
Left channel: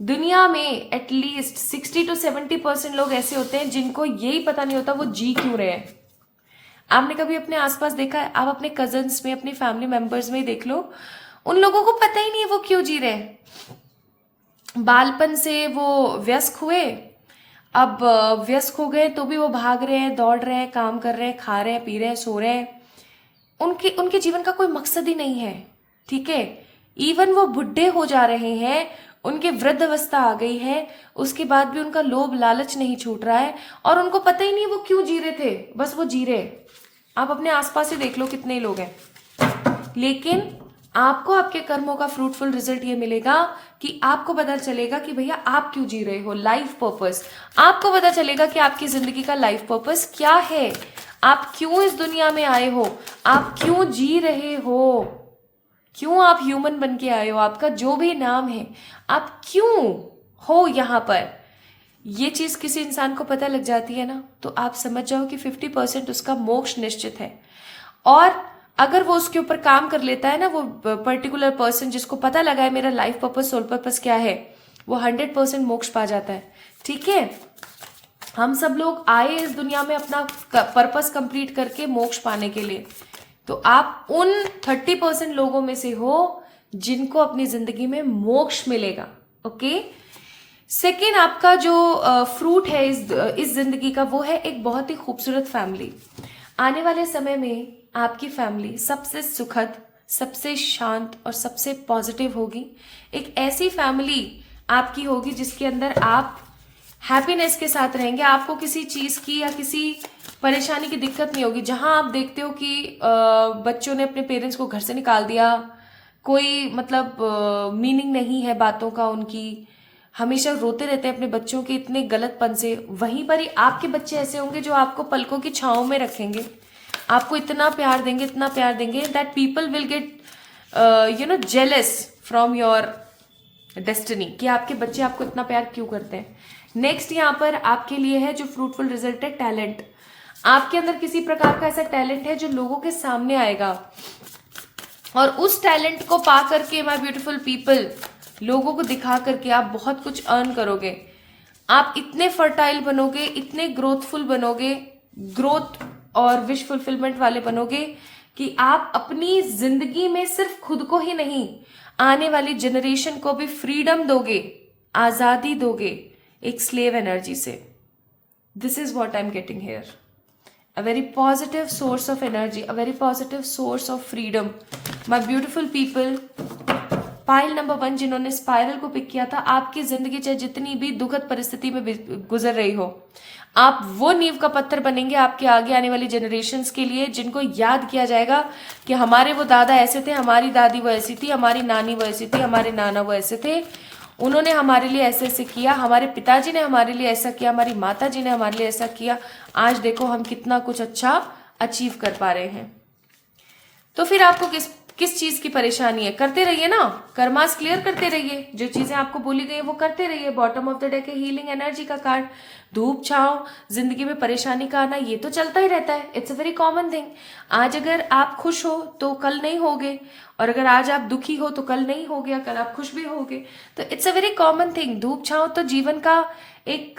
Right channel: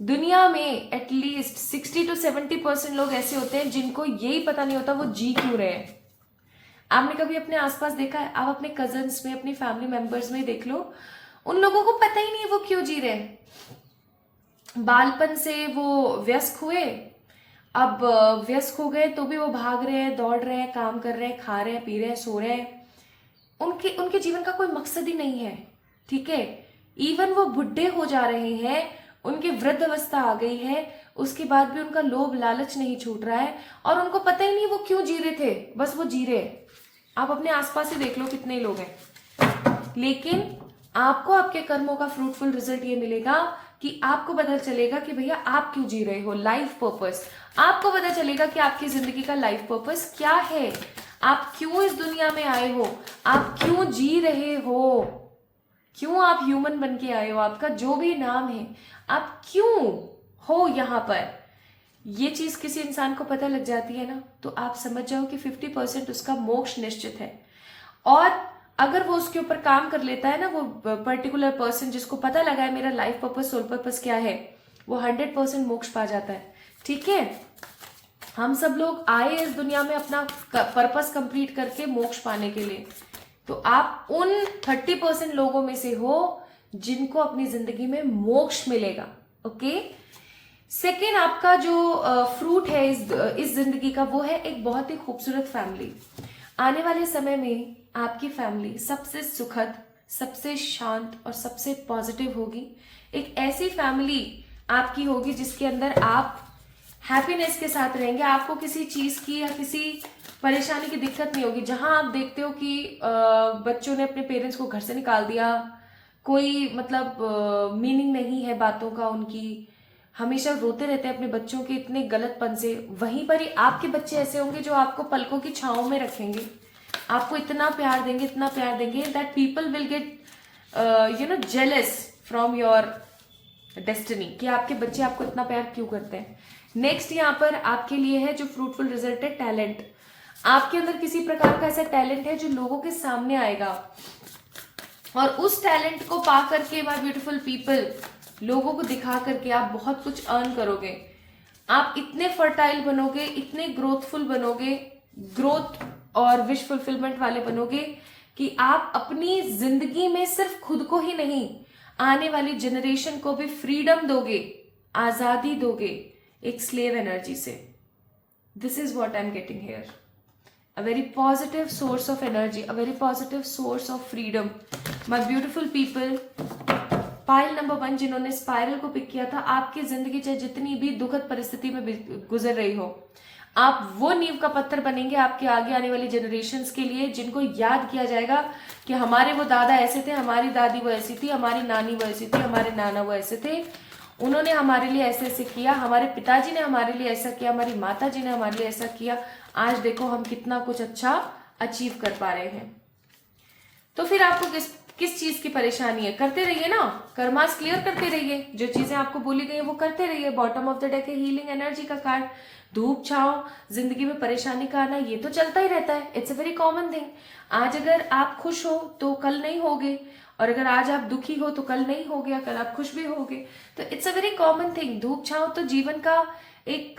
दुनिया में एटलीस्ट 60 to 70% लोग ऐसे होते हैं जिनको यही पता नहीं होता वो जी क्यों रहे हैं। आपने कभी अपने आसपास देखा है? आप अपने कजन्स में, अपनी फैमिली मेंबर्स में देख लो, उन लोगों को पता ही नहीं है वो क्यों जी रहे हैं। बालपन से वो व्यस्क हुए, अब व्यस्क हो गए तो भी वो भाग रहे हैं, दौड़ रहे हैं, काम कर रहे हैं, खा रहे हैं, पी रहे हैं, सो रहे हैं। उनके जीवन का कोई मकसद ही नहीं है, ठीक है। इवन वो बुढ़े हो जा रहे हैं, उनके वृद्ध अवस्था आ गई है, उसके बाद भी उनका लोभ लालच नहीं छूट रहा है और उनको पता ही नहीं वो क्यों जी रहे थे, बस वो जी रहे। आप अपने आसपास ही देख लो कितने लोग हैं। लेकिन आपको आपके कर्मों का फ्रूटफुल रिजल्ट ये मिलेगा कि आपको पता चलेगा कि भैया आप क्यों जी रहे हो। लाइफ पर्पस, आपको पता चलेगा कि आपकी जिंदगी का लाइफ पर्पस क्या है, आप क्यों इस दुनिया में आए हो, आप क्यों जी रहे हो, क्यों आप ह्यूमन बन के आए हो, आपका जो भी नाम है, आप क्यों हो यहाँ पर। ये चीज किसी इंसान को पता लग जाती है ना, तो आप समझ जाओ कि 50% उसका मोक्ष निश्चित है। और अगर वो उसके ऊपर काम कर लेता है ना, वो पर्टिकुलर पर्सन जिसको पता लगा है मेरा लाइफ पर्पस, सोल पर्पस क्या है, वो 100% मोक्ष पा जाता है, ठीक है। हम सब लोग आए इस दुनिया में अपना पर्पस कंप्लीट करके मोक्ष पाने के लिए। तो आप उन 30% लोगों में से हो जिनको अपनी जिंदगी में मोक्ष मिलेगा। ओके, सेकेंड आपका जो फ्रूट है इस जिंदगी का, वो है एक बहुत ही खूबसूरत फैमिली। आने वाले समय में आपकी फैमिली सबसे सुखद, सबसे शांत और सबसे पॉजिटिव होगी। एक ऐसी फैमिली आपकी होगी जिसके अंदर आप हैप्पीनेस के साथ रहेंगे। आपको किसी चीज की या किसी परेशानी की दिक्कत नहीं होगी। जहां आप देखते हो कि बच्चों ने अपने पेरेंट्स को घर से निकाल दिया, कोई मतलब मीनिंग नहीं है बातों का उनकी, हमेशा रोते रहते हैं अपने बच्चों के इतने गलतपन से, वहीं पर ही आपके बच्चे ऐसे होंगे जो आपको पलकों की छांव में रखेंगे, आपको इतना प्यार देंगे, इतना प्यार देंगे that people will get jealous from your destiny, कि आपके बच्चे आपको इतना प्यार क्यों करते हैं। नेक्स्ट यहाँ पर आपके लिए है जो फ्रूटफुल रिजल्ट है, टैलेंट। आपके अंदर किसी प्रकार का ऐसा टैलेंट है जो लोगों के सामने आएगा, और उस टैलेंट को पा करके माय ब्यूटीफुल पीपल, लोगों को दिखा करके आप बहुत कुछ अर्न करोगे। आप इतने फर्टाइल बनोगे, इतने ग्रोथफुल बनोगे, ग्रोथ और विश फुलफिलमेंट वाले बनोगे कि आप अपनी जिंदगी में सिर्फ खुद को ही नहीं, आने वाली जनरेशन को भी फ्रीडम दोगे, आजादी दोगे एक स्लेव एनर्जी से। This is what I am getting hair, a very positive source of energy, a very positive source of freedom. My beautiful people, pile number 1 जिन्होंने स्पाइरल को पिक किया था, आपकी जिंदगी चाहे जितनी भी दुखद परिस्थिति में गुजर रही हो, आप वो नींव का पत्थर बनेंगे आपके आगे आने वाली जनरेशन्स के लिए, जिनको याद किया जाएगा कि हमारे वो दादा ऐसे थे, हमारी दादी वो ऐसी थी, हमारी नानी वो ऐसी थी, हमारे नाना वो ऐसे थे, उन्होंने हमारे लिए ऐसे ऐसे किया, हमारे पिताजी ने हमारे लिए ऐसा किया, हमारी माता जी ने हमारे लिए ऐसा किया, आज देखो हम कितना कुछ अच्छा अचीव कर पा रहे हैं। तो फिर आपको किस चीज की परेशानी है? करते रहिए ना, कर्मास क्लियर करते रहिए, जो चीजें आपको बोली गई वो करते रहिए। बॉटम ऑफ द डेक है हीलिंग एनर्जी का कार्ड। धूप छाव, जिंदगी में परेशानी का आना, ये तो चलता ही रहता है, it's a very common thing. आज अगर आप खुश हो तो कल नहीं होगे, और अगर आज आप दुखी हो तो कल नहीं हो गया, कल आप खुश भी होगे। तो it's a very common thing. धूप छाव तो जीवन का एक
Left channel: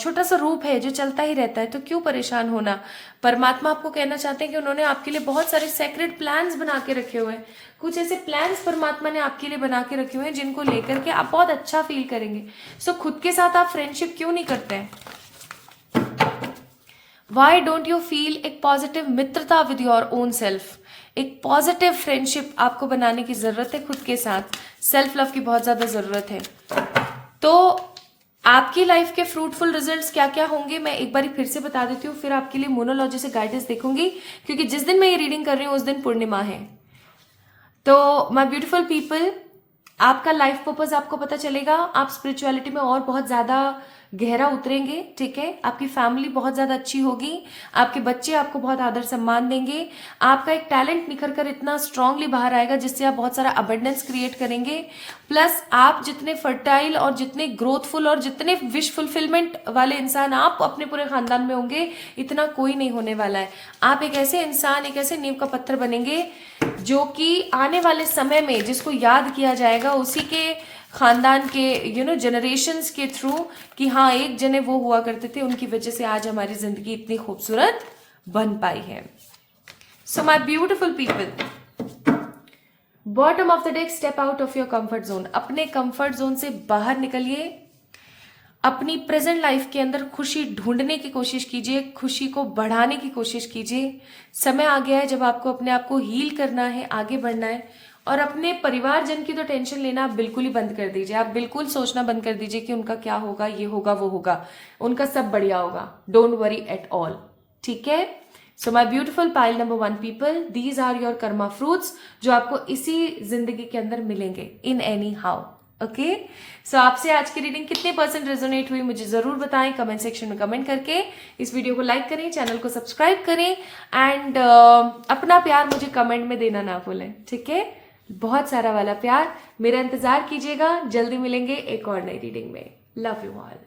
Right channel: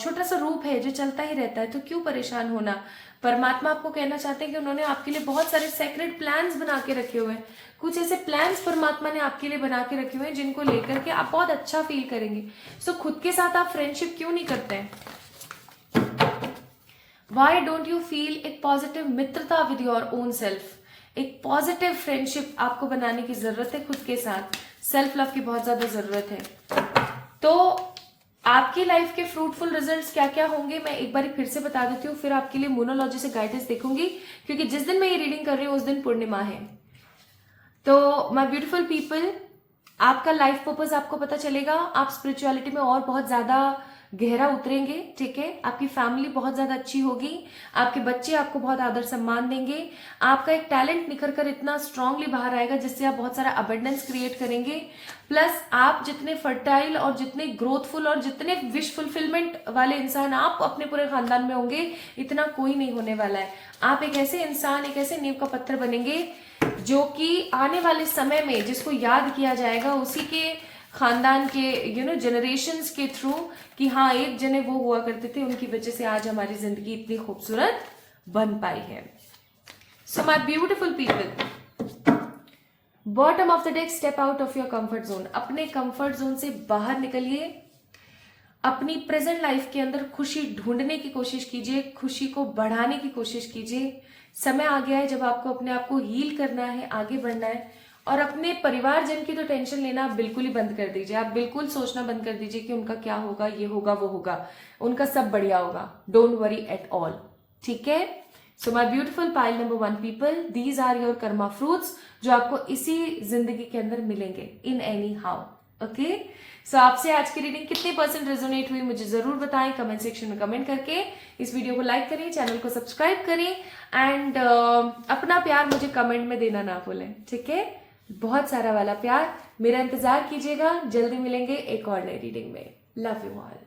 छोटा सा रूप है जो चलता ही रहता है, तो क्यों परेशान होना। परमात्मा आपको कहना चाहते हैं कि उन्होंने आपके लिए बहुत सारे सेक्रेट प्लान्स बना के रखे हुए हैं। कुछ ऐसे प्लान्स परमात्मा ने आपके लिए बना के रखे हुए हैं जिनको लेकर के आप बहुत अच्छा फील करेंगे। सो खुद के साथ आप फ्रेंडशिप क्यों नहीं करते हैं? वाई डोंट यू फील एक पॉजिटिव मित्रता विद योर ओन सेल्फ? एक पॉजिटिव फ्रेंडशिप आपको बनाने की जरूरत है खुद के साथ। सेल्फ लव की बहुत ज्यादा जरूरत है। तो आपकी लाइफ के फ्रूटफुल रिजल्ट्स क्या क्या होंगे मैं एक बार फिर से बता देती हूँ, फिर आपके लिए मोनोलॉजी से गाइडेंस देखूंगी, क्योंकि जिस दिन मैं ये रीडिंग कर रही हूँ उस दिन पूर्णिमा है। तो माय ब्यूटीफुल पीपल, आपका लाइफ पर्पस आपको पता चलेगा, आप स्पिरिचुअलिटी में और बहुत ज्यादा गहरा उतरेंगे, ठीक है। आपकी फैमिली बहुत ज्यादा अच्छी होगी, आपके बच्चे आपको बहुत आदर सम्मान देंगे, आपका एक टैलेंट निखर कर इतना स्ट्रांगली बाहर आएगा जिससे आप बहुत सारा अबंडेंस क्रिएट करेंगे। प्लस आप जितने फर्टाइल और जितने ग्रोथफुल और जितने विश फुलफिलमेंट वाले इंसान आप अपने पूरे खानदान में होंगे, इतना कोई नहीं होने वाला है। आप एक ऐसे इंसान, एक ऐसे नींव का पत्थर बनेंगे जो कि आने वाले समय में जिसको याद किया जाएगा उसी के खानदान के जनरेशंस के थ्रू, कि हाँ एक जने वो हुआ करते थे, उनकी वजह से आज हमारी जिंदगी इतनी खूबसूरत बन पाई है। So my beautiful people, bottom of the deck, step out of your comfort zone. अपने कंफर्ट जोन से बाहर निकलिए, अपनी प्रेजेंट लाइफ के अंदर खुशी ढूंढने की कोशिश कीजिए, खुशी को बढ़ाने की कोशिश कीजिए। समय आ गया है जब आपको अपने आप को हील करना है, आगे बढ़ना है, और अपने परिवारजन की तो टेंशन लेना आप बिल्कुल ही बंद कर दीजिए। आप बिल्कुल सोचना बंद कर दीजिए कि उनका क्या होगा, ये होगा, वो होगा, उनका सब बढ़िया होगा। डोंट वरी एट ऑल, ठीक है। So my beautiful pile number 1 people, these are your karma fruits, जो आपको इसी जिंदगी के अंदर मिलेंगे in anyhow. Okay, so आपसे आज की रीडिंग कितने % रेजोनेट हुई मुझे जरूर बताएं कमेंट सेक्शन में कमेंट करके। इस वीडियो को लाइक करें, चैनल को सब्सक्राइब करें, एंड अपना प्यार मुझे कमेंट में देना ना भूलें, ठीक है। बहुत सारा वाला प्यार, मेरा इंतजार कीजिएगा। जल्दी मिलेंगे एक और नई रीडिंग में। Love you all.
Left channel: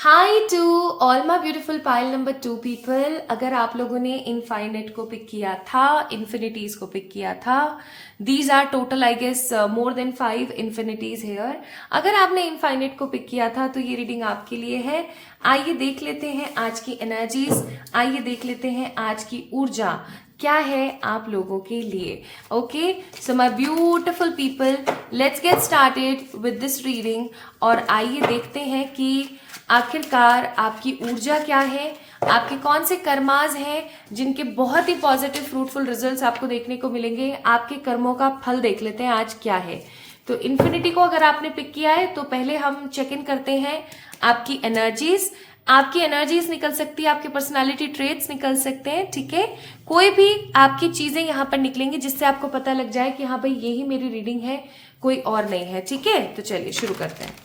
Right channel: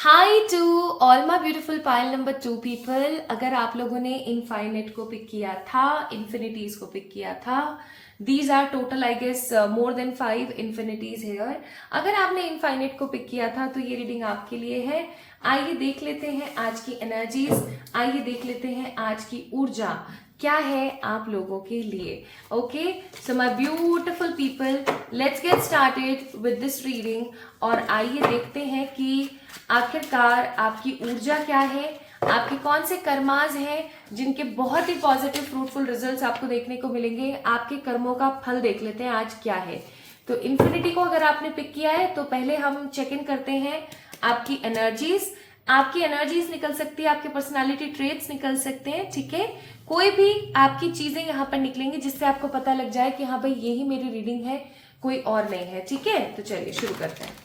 Hi to all my beautiful pile number 2 people. अगर आप लोगों ने इनफाइनेट को पिक किया था, इन्फिनिटीज को पिक किया था, these are total I guess more than 5 infinities here. अगर आपने इनफाइनेट को पिक किया था तो ये रीडिंग आपके लिए है। आइए देख लेते हैं आज की एनर्जीज, आइए देख लेते हैं आज की ऊर्जा क्या है आप लोगों के लिए। Okay, so my beautiful people, let's get started with this reading. और आइए देखते हैं कि आखिरकार आपकी ऊर्जा क्या है, आपके कौन से कर्माज हैं जिनके बहुत ही पॉजिटिव फ्रूटफुल रिजल्ट्स आपको देखने को मिलेंगे। आपके कर्मों का फल देख लेते हैं आज क्या है। तो इन्फिनिटी को अगर आपने पिक किया है तो पहले हम चेक इन करते हैं आपकी एनर्जीज। आपकी एनर्जीज निकल सकती है, आपके पर्सनालिटी ट्रेट्स निकल सकते हैं, ठीक है। कोई भी आपकी चीजें यहाँ पर निकलेंगी जिससे आपको पता लग जाए कि हाँ भाई यही मेरी रीडिंग है, कोई और नहीं है, ठीक है। तो चलिए शुरू करते हैं।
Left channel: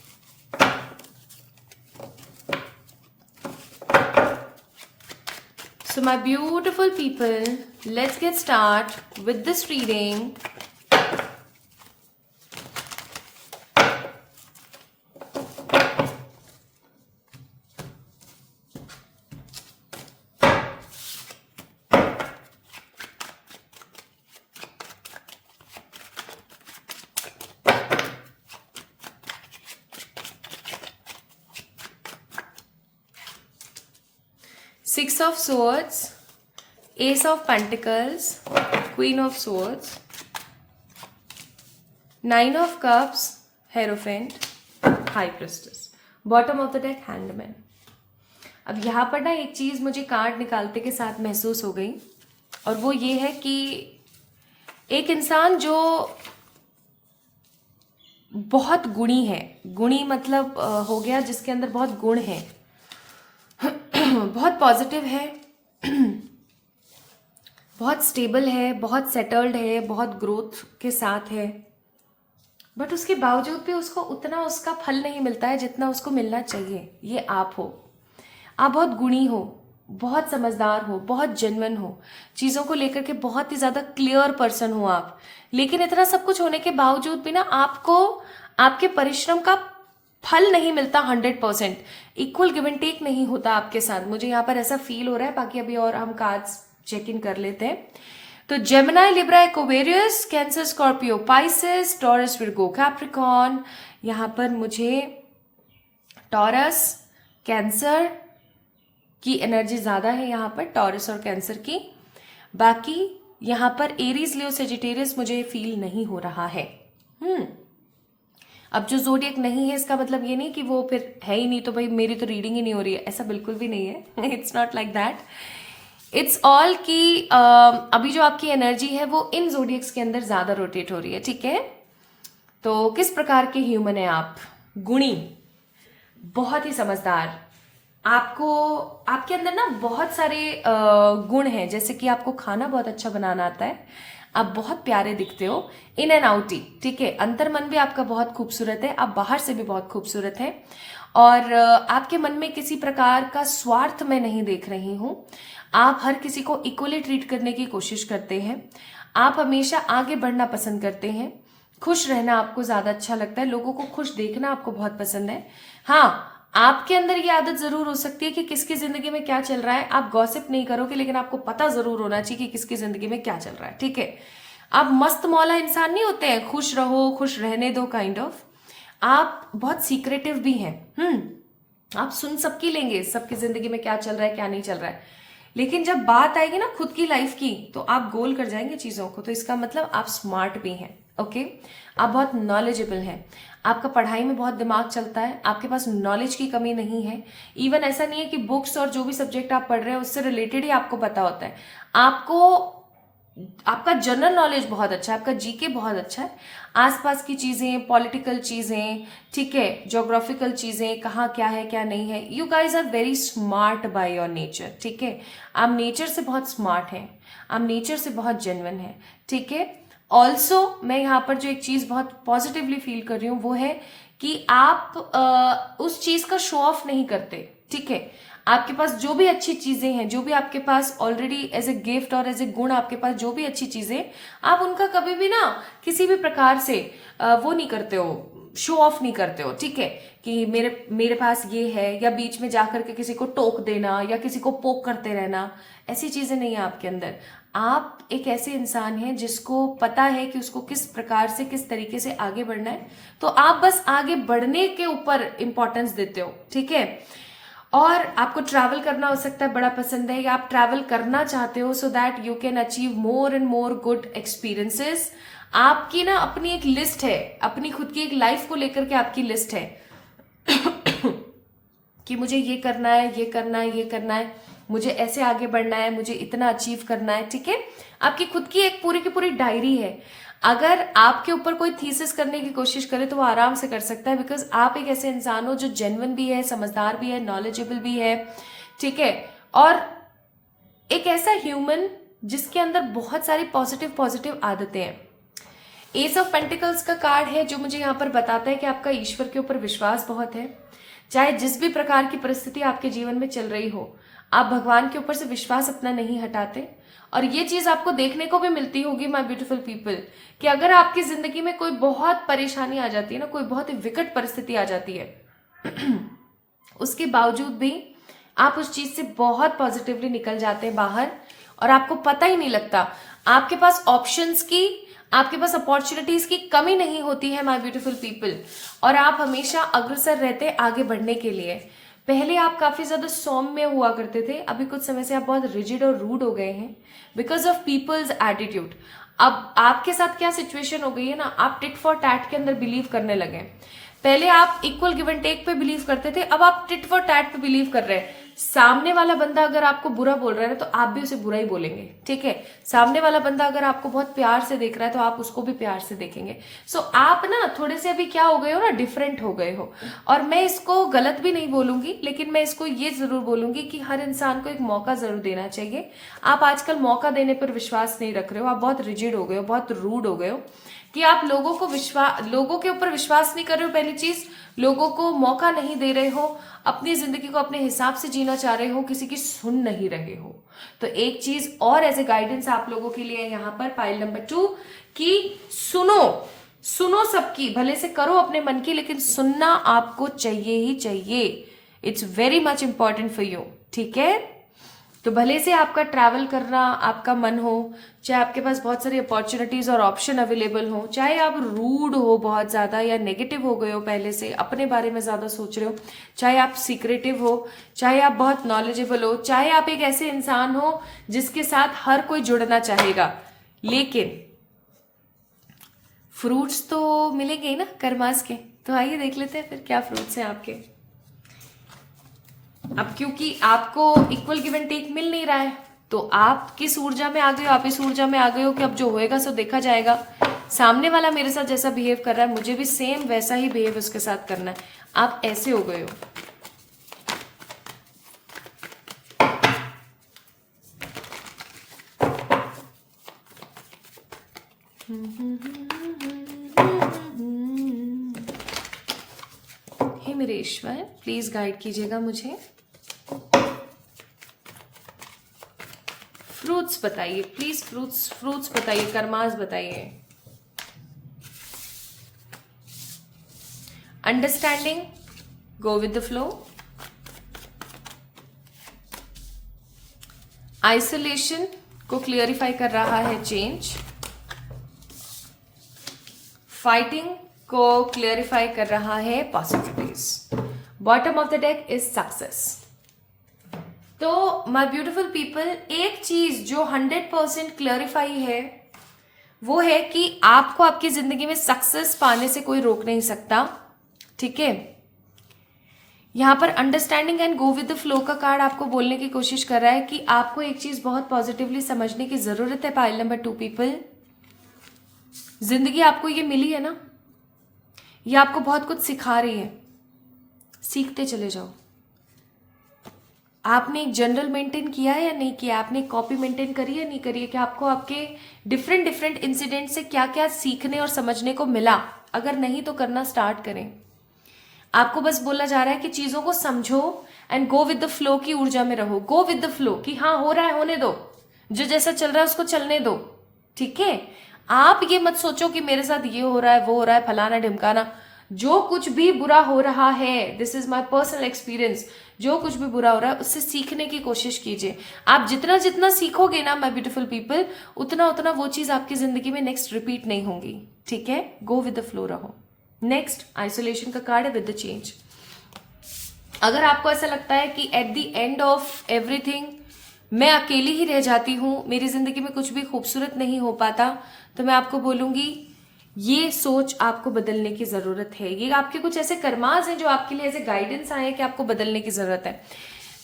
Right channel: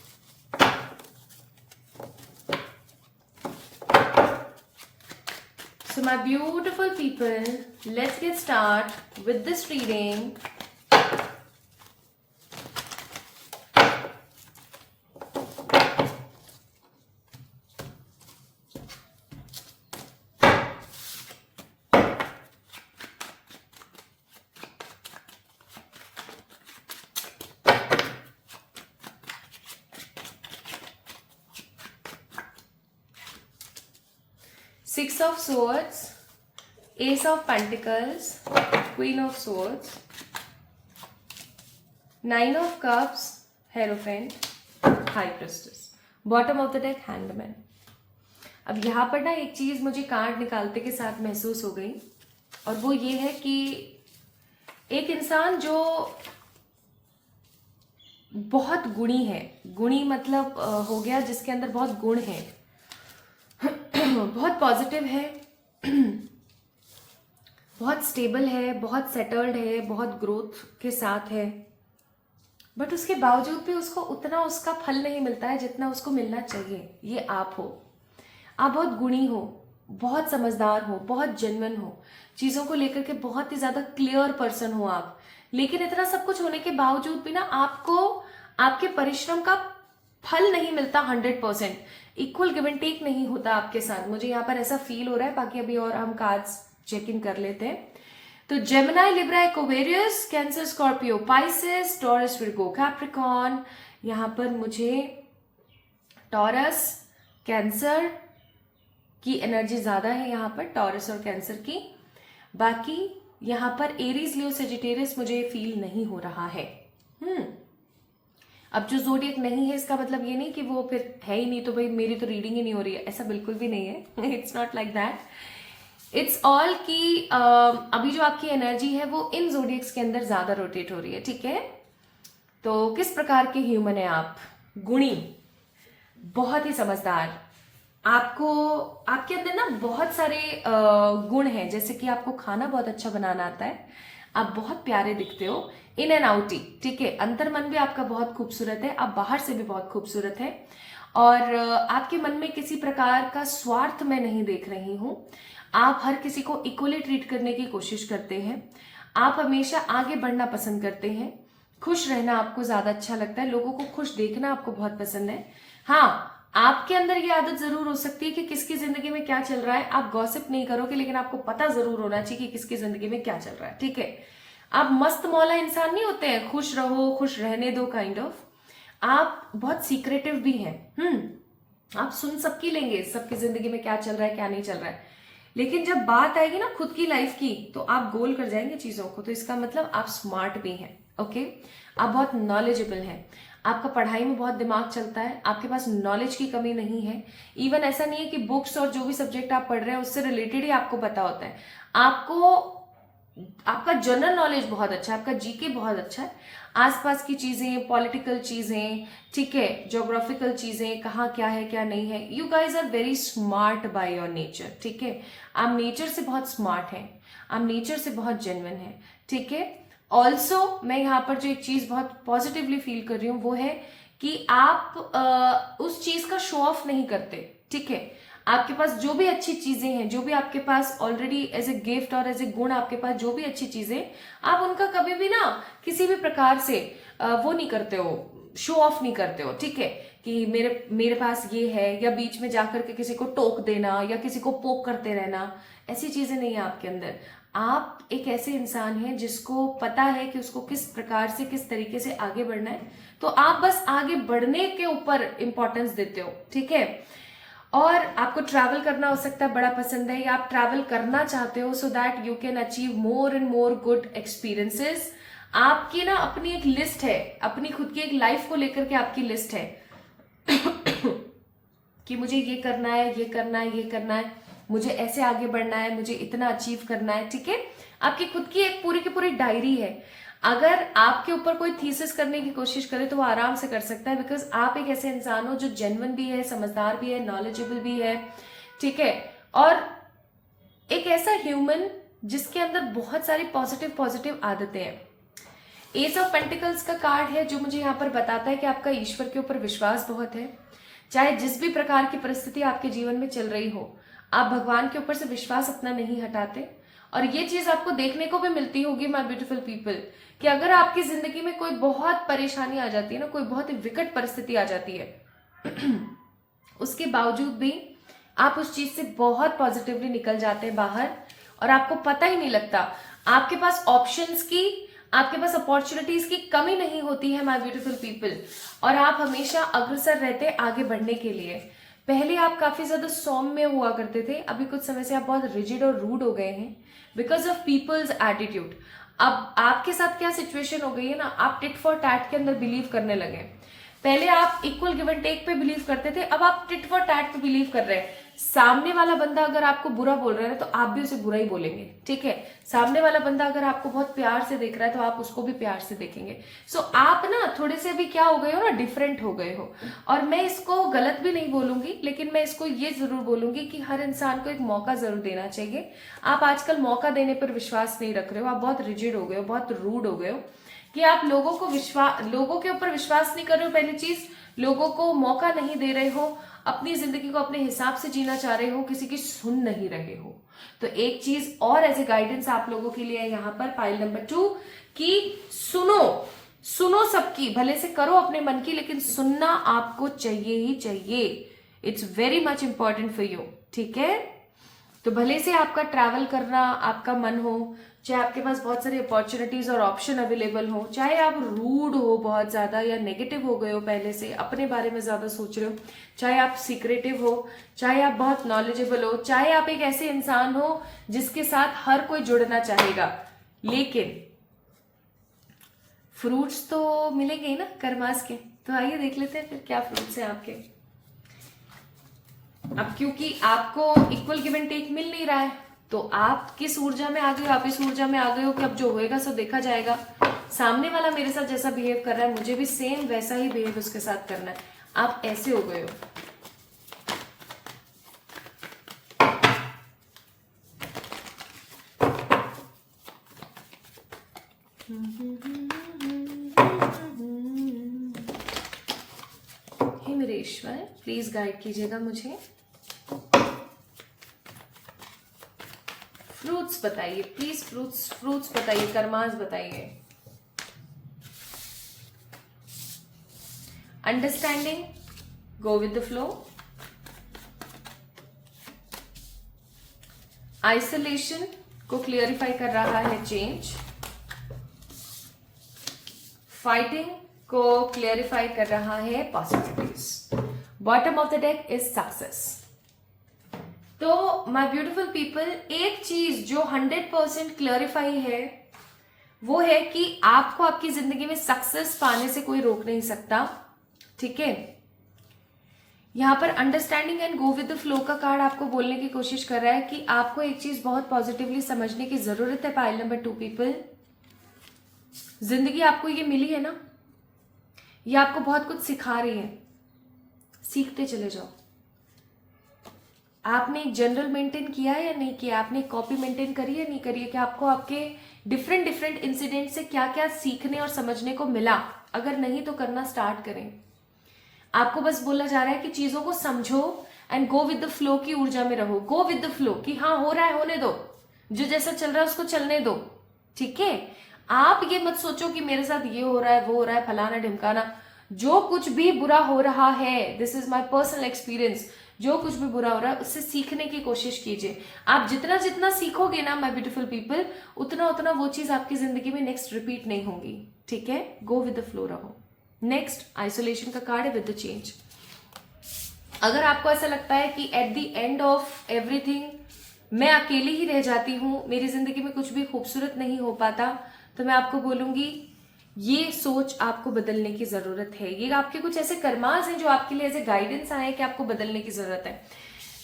So my beautiful people, let's get start with this reading. Six of Swords, Ace of Pentacles, Queen of Swords, Nine of Cups, Hierophant, High Priestess, Bottom of the deck, Hangman. अब यहाँ पर ना एक चीज मुझे कार्ड निकालते के साथ महसूस हो गई, और वो ये है कि एक इंसान जो बहुत गुणी है, गुणी मतलब हो गया जिसके अंदर बहुत गुण है, बहुत पॉजिटिव है, बहुत स्टेबल है, बहुत सेटल्ड है, बहुत ग्रोथ के साथ है, बट उसके बावजूद भी उसको उतना उसका फल नहीं मिलता है जितना उसको मिलना चाहिए। ये आप हो। आप बहुत गुणी हो, बहुत समझदार हो, बहुत जेन्युइन हो, चीज़ों को लेकर के बहुत ही ज़्यादा क्लियर पर्सन हो आप। लेकिन इतना सब कुछ होने के बावजूद भी ना आपको आपके परिश्रम का फल नहीं मिलता 100%। इक्वल गिव एंड टेक नहीं होता आपके साथ, मुझे यहाँ पर ऐसा फील हो रहा है। बाकी अभी और हम कार्ड्स चेक इन कर लेते हैं। तो Gemini, Libra, Aquarius, cancer, Scorpio, Pisces, taurus, Virgo, Capricorn. यहाँ पर मुझे टॉरस, कैंसर की एनर्जी ज्यादा है यहाँ पर, टॉरस और कैंसर की। बाकी यहाँ पर एरीज, लियो, सेजिटेरियस मुझे फील नहीं हो रहा है। अब जो जोडियक नहीं है इसका मतलब ये नहीं कि वो फिर है ही नहीं, तो भाई मेरी तो रीडिंग ही नहीं हो रही है, ऐसा बिल्कुल भी नहीं है। It's not like that. It's all कि अभी जो आपकी एनर्जी है वो इन जोडियक्स के अंदर ज्यादा रोटेट हो रही है, ठीक है। तो किस प्रकार के ह्यूमन है आप? गुणी, बहुत ही समझदार। आपको आपके अंदर ना बहुत सारे गुण हैं, जैसे कि आपको खाना बहुत अच्छा बनाना आता है, आप बहुत प्यारे दिखते हो, इन एंड आउटी, ठीक है। अंतर मन भी आपका बहुत खूबसूरत है, आप बाहर से भी बहुत खूबसूरत है, और आपके मन में किसी प्रकार का स्वार्थ मैं नहीं देख रही हूं। आप हर किसी को इक्वली ट्रीट करने की कोशिश करते हैं, आप हमेशा आगे बढ़ना पसंद करते हैं, खुश रहना आपको ज्यादा अच्छा लगता है, लोगों को खुश देखना आपको बहुत पसंद है। हाँ, आपके अंदर ये आदत जरूर हो सकती है कि किसकी जिंदगी में क्या चल रहा है आप गॉसिप नहीं करोगे, लेकिन आपको पता जरूर होना चाहिए कि किसकी जिंदगी में क्या चल रहा है, ठीक है। आप मस्त मौला इंसान नहीं होते हैं, खुश रहो, खुश रहने दो, काइंड ऑफ। आप बहुत सीक्रेटिव भी हैं। आप सुन सबकी लेंगे, सबकी जिंदगी में क्या चल रहा है क्या नहीं चल रहा है, लेकिन जब बात आएगी ना खुद की लाइफ की तो आप गोल कर जाएंगे चीजों को। तो इसका मतलब आप स्मार्ट भी हैं, ओके। आप बहुत नॉलेजेबल हैं, आपका पढ़ाई में बहुत दिमाग चलता है, आपके पास नॉलेज की कमी नहीं है। इवन ऐसा नहीं है कि बुक्स और जो भी सब्जेक्ट आप पढ़ रहे हैं उससे रिलेटेड ही आपको पता होता है। आपका जनरल नॉलेज बहुत अच्छा है, आपका जीके बहुत अच्छा है, आसपास की चीजें, पॉलिटिकल चीजें, ठीक है, ज्योग्राफिकल चीजें, कहाँ क्या है क्या नहीं है। You guys are very smart by your nature, ठीक है। आप नेचर से बहुत स्मार्ट हैं, आप नेचर से बहुत जेन्युइन हैं, ठीक है। ऑल्सो मैं यहाँ पर जो एक चीज बहुत पॉजिटिवली फील कर रही हूँ वो है कि आप उस चीज का शो ऑफ नहीं करते, ठीक है। आपके पास जो भी अच्छी चीजें हैं, जो भी आपके पास ऑलरेडी एज ए गिफ्ट और एज ए गुण आपके पास जो भी अच्छी चीजें, आप उनका कभी भी ना किसी भी प्रकार से वो नहीं करते हो, शो ऑफ नहीं करते हो, ठीक है, कि मेरे मेरे पास ये है, या बीच में जाकर के किसी को टोक देना या किसी को पोक करते रहना, ऐसी चीजें नहीं है आपके अंदर। आप एक ऐसे इंसान हैं जिसको पता है कि उसको किस प्रकार से किस तरीके से आगे बढ़ना है, तो आप बस आगे बढ़ने के ऊपर इंपॉर्टेंस देते हो, ठीक है। और आपको ट्रैवल करना हो सकता है बड़ा पसंद है, या आप ट्रैवल करना चाहते हो so that you can achieve more and more good experiences. आपकी ना अपनी एक लिस्ट है, अपनी खुद की एक लाइफ को लेकर के आपकी लिस्ट है कि मुझे ये करना है, ये करना है, ये करना है, मुझे ऐसे आगे बढ़ना है, मुझे इतना अचीव करना है, ठीक है। आपकी खुद की एक पूरी की पूरी डायरी है। अगर आपके ऊपर कोई थीसिस करने की कोशिश करे तो वो आराम से कर सकता है, बिकॉज आप एक ऐसे इंसान हो जो जेन्युइन भी है, समझदार भी है, नॉलेजेबल भी है, ठीक है, और एक ऐसा ह्यूमन जिसके अंदर बहुत सारी पॉजिटिव पॉजिटिव आदतें हैं। एस ऑफ पेंटिकल्स का कार्ड है जो मुझे यहाँ पर बताता है कि आपका ईश्वर के ऊपर विश्वास बहुत है। चाहे जिस भी प्रकार की परिस्थिति आपके जीवन में चल रही हो, आप भगवान के ऊपर से विश्वास अपना नहीं हटाते। और ये चीज आपको देखने को भी मिलती होगी माय ब्यूटीफुल पीपल, कि अगर आपकी जिंदगी में कोई बहुत परेशानी आ जाती है ना, कोई बहुत ही विकट परिस्थिति आ जाती है उसके बावजूद भी आप उस चीज से बहुत पॉजिटिवली निकल जाते हैं बाहर, और आपको पता ही नहीं लगता। आपके पास ऑप्शंस की, आपके पास अपॉर्चुनिटीज की कमी नहीं होती है माय ब्यूटीफुल पीपल, और आप हमेशा अग्रसर रहते आगे बढ़ने के लिए। पहले आप काफी ज्यादा सौम्य हुआ करते थे, अभी कुछ समय से आप बहुत रिजिड और रूड हो गए हैं बिकॉज ऑफ पीपल्स एटीट्यूड। अब आपके साथ क्या सिचुएशन हो गई है ना, आप टिट फॉर टैट के अंदर बिलीव करने लगे। पहले आप इक्वल गिव एंड टेक पे बिलीव करते थे, अब आप टिट फॉर टैट पे बिलीव कर रहे हैं। सामने वाला बंदा अगर आपको बुरा बोल रहा है तो आप भी उसे बुरा ही बोलेंगे, ठीक है। सामने वाला बंदा अगर आपको बहुत प्यार से देख रहा है तो आप उसको भी प्यार से देखेंगे। सो आप ना थोड़े से अभी क्या हो गए हो ना, डिफरेंट हो गए हो। और मैं इसको गलत भी नहीं बोलूंगी, लेकिन मैं इसको ये जरूर बोलूंगी कि हर इंसान को एक मौका जरूर देना चाहिए। आप आजकल मौका देने पर विश्वास नहीं रख रहे हो, आप बहुत रिजिड हो गए हो, बहुत रूड हो गए हो, कि आप लोगों के ऊपर विश्वास नहीं कर रहे हो। पहली चीज, लोगों को मौका नहीं दे रहे हो, अपनी जिंदगी को अपने हिसाब से जीना चाह रहे हो, किसी की सुन नहीं रहे हो। तो एक चीज और एज ए गाइडेंस आप लोगों के लिए यहां पर पाइल नंबर 2, कि सुनो सबकी, भले से करो अपने मन की, लेकिन सुनना आपको चाहिए ही चाहिए। It's very much important for you, ठीक है। तो भले से आपका ट्रैवल करना आपका मन हो, चाहे आपके पास बहुत सारी अपॉर्चुनिटीज और ऑप्शन अवेलेबल हो, चाहे आप रूड हो बहुत ज्यादा या नेगेटिव हो गए हो, पहले से अपने बारे में ज्यादा सोच रहे हो, चाहे आप सीक्रेटिव हो, चाहे आप बहुत नॉलेजेबल हो, चाहे आप एक ऐसे इंसान हो जिसके साथ हर कोई जुड़ना चाहेगा, लेकिन फ्रूट्स तो मिलेंगे ही ना कर्मास के। तो आइए देख लेते हैं फिर क्या फ्रूट्स हैं आपके। अब क्योंकि आपको इक्वल गिव एंड टेक मिल नहीं रहा है, तो आप किस ऊर्जा में आ गए हो, आप इस ऊर्जा में आ गए हो कि अब जो होएगा सो देखा जाएगा। सामने वाला मेरे साथ जैसा बिहेव कर रहा है, मुझे भी सेम वैसा ही बिहेव उसके साथ करना है। आप ऐसे हो गए हो। हे मेरे ईश्वर, प्लीज गाइड कीजिएगा मुझे। फ्रूट्स बताइए प्लीज, फ्रूट्स बताइए, कर्मास बताइए। Understanding, go with the flow. Isolation को क्लियरिफाई कर रहा है चेंज। फाइटिंग को क्लियरिफाई कर रहा है possibilities. Bottom of the deck is success. तो माय ब्यूटीफुल पीपल, एक चीज जो 100% क्लियरिफाई है वो है कि आपको आपकी जिंदगी में सक्सेस पाने से कोई रोक नहीं सकता, ठीक है। यहां पर understanding and go with the flow का कार्ड आपको बोलने की कोशिश कर रहा है कि आपको एक चीज बहुत पॉजिटिवली समझने की जरूरत है। पाइल नंबर 2 पीपल, जिंदगी आपको ये मिली है ना, ये आपको बहुत कुछ सिखा रही है, सीखते चले जाओ। आपने एक जनरल मेंटेन किया है या नहीं किया, आपने कॉपी मेंटेन करी है नहीं करी है, कि आपको आपके डिफरेंट इंसिडेंट से क्या क्या सीखने और समझने को मिला। अगर नहीं तो करना स्टार्ट करें। आपको बस बोला जा रहा है कि चीजों को समझो and go with the flow की ऊर्जा में रहो। गो विद द फ्लो, कि हाँ हो रहा है होने दो, जो जैसा चल रहा है उसको चलने दो, ठीक है। आप ये मत सोचो कि मेरे साथ ये हो रहा है वो हो रहा है फलाना ढिमकाना। जो कुछ भी बुरा हो रहा है, this is my personal experience, जो कुछ भी बुरा हो रहा है उससे सीखने की कोशिश कीजिए। आप जितना जितना सीखोगे ना माय ब्यूटीफुल पीपल, उतना उतना वो चीज आपकी जिंदगी में नेक्स्ट रिपीट नहीं होगी। ठीक है, गो विद द फ्लो रहो। नेक्स्ट आइसोलेशन का कार्ड है विद द चेंज। अगर आपको ऐसा लगता है कि at the end of everything मैं अकेली ही रह जाती हूं, मेरी जिंदगी में कुछ भी खूबसूरत नहीं हो पाता, तो मैं आपको बोलूंगी ये सोच आपको बदलने की जरूरत है। ये आपके कुछ ऐसे कर्मास हैं जो आपके लिए ऐसे गाइडेंस आए हैं कि आपको बदलने की जरूरत है।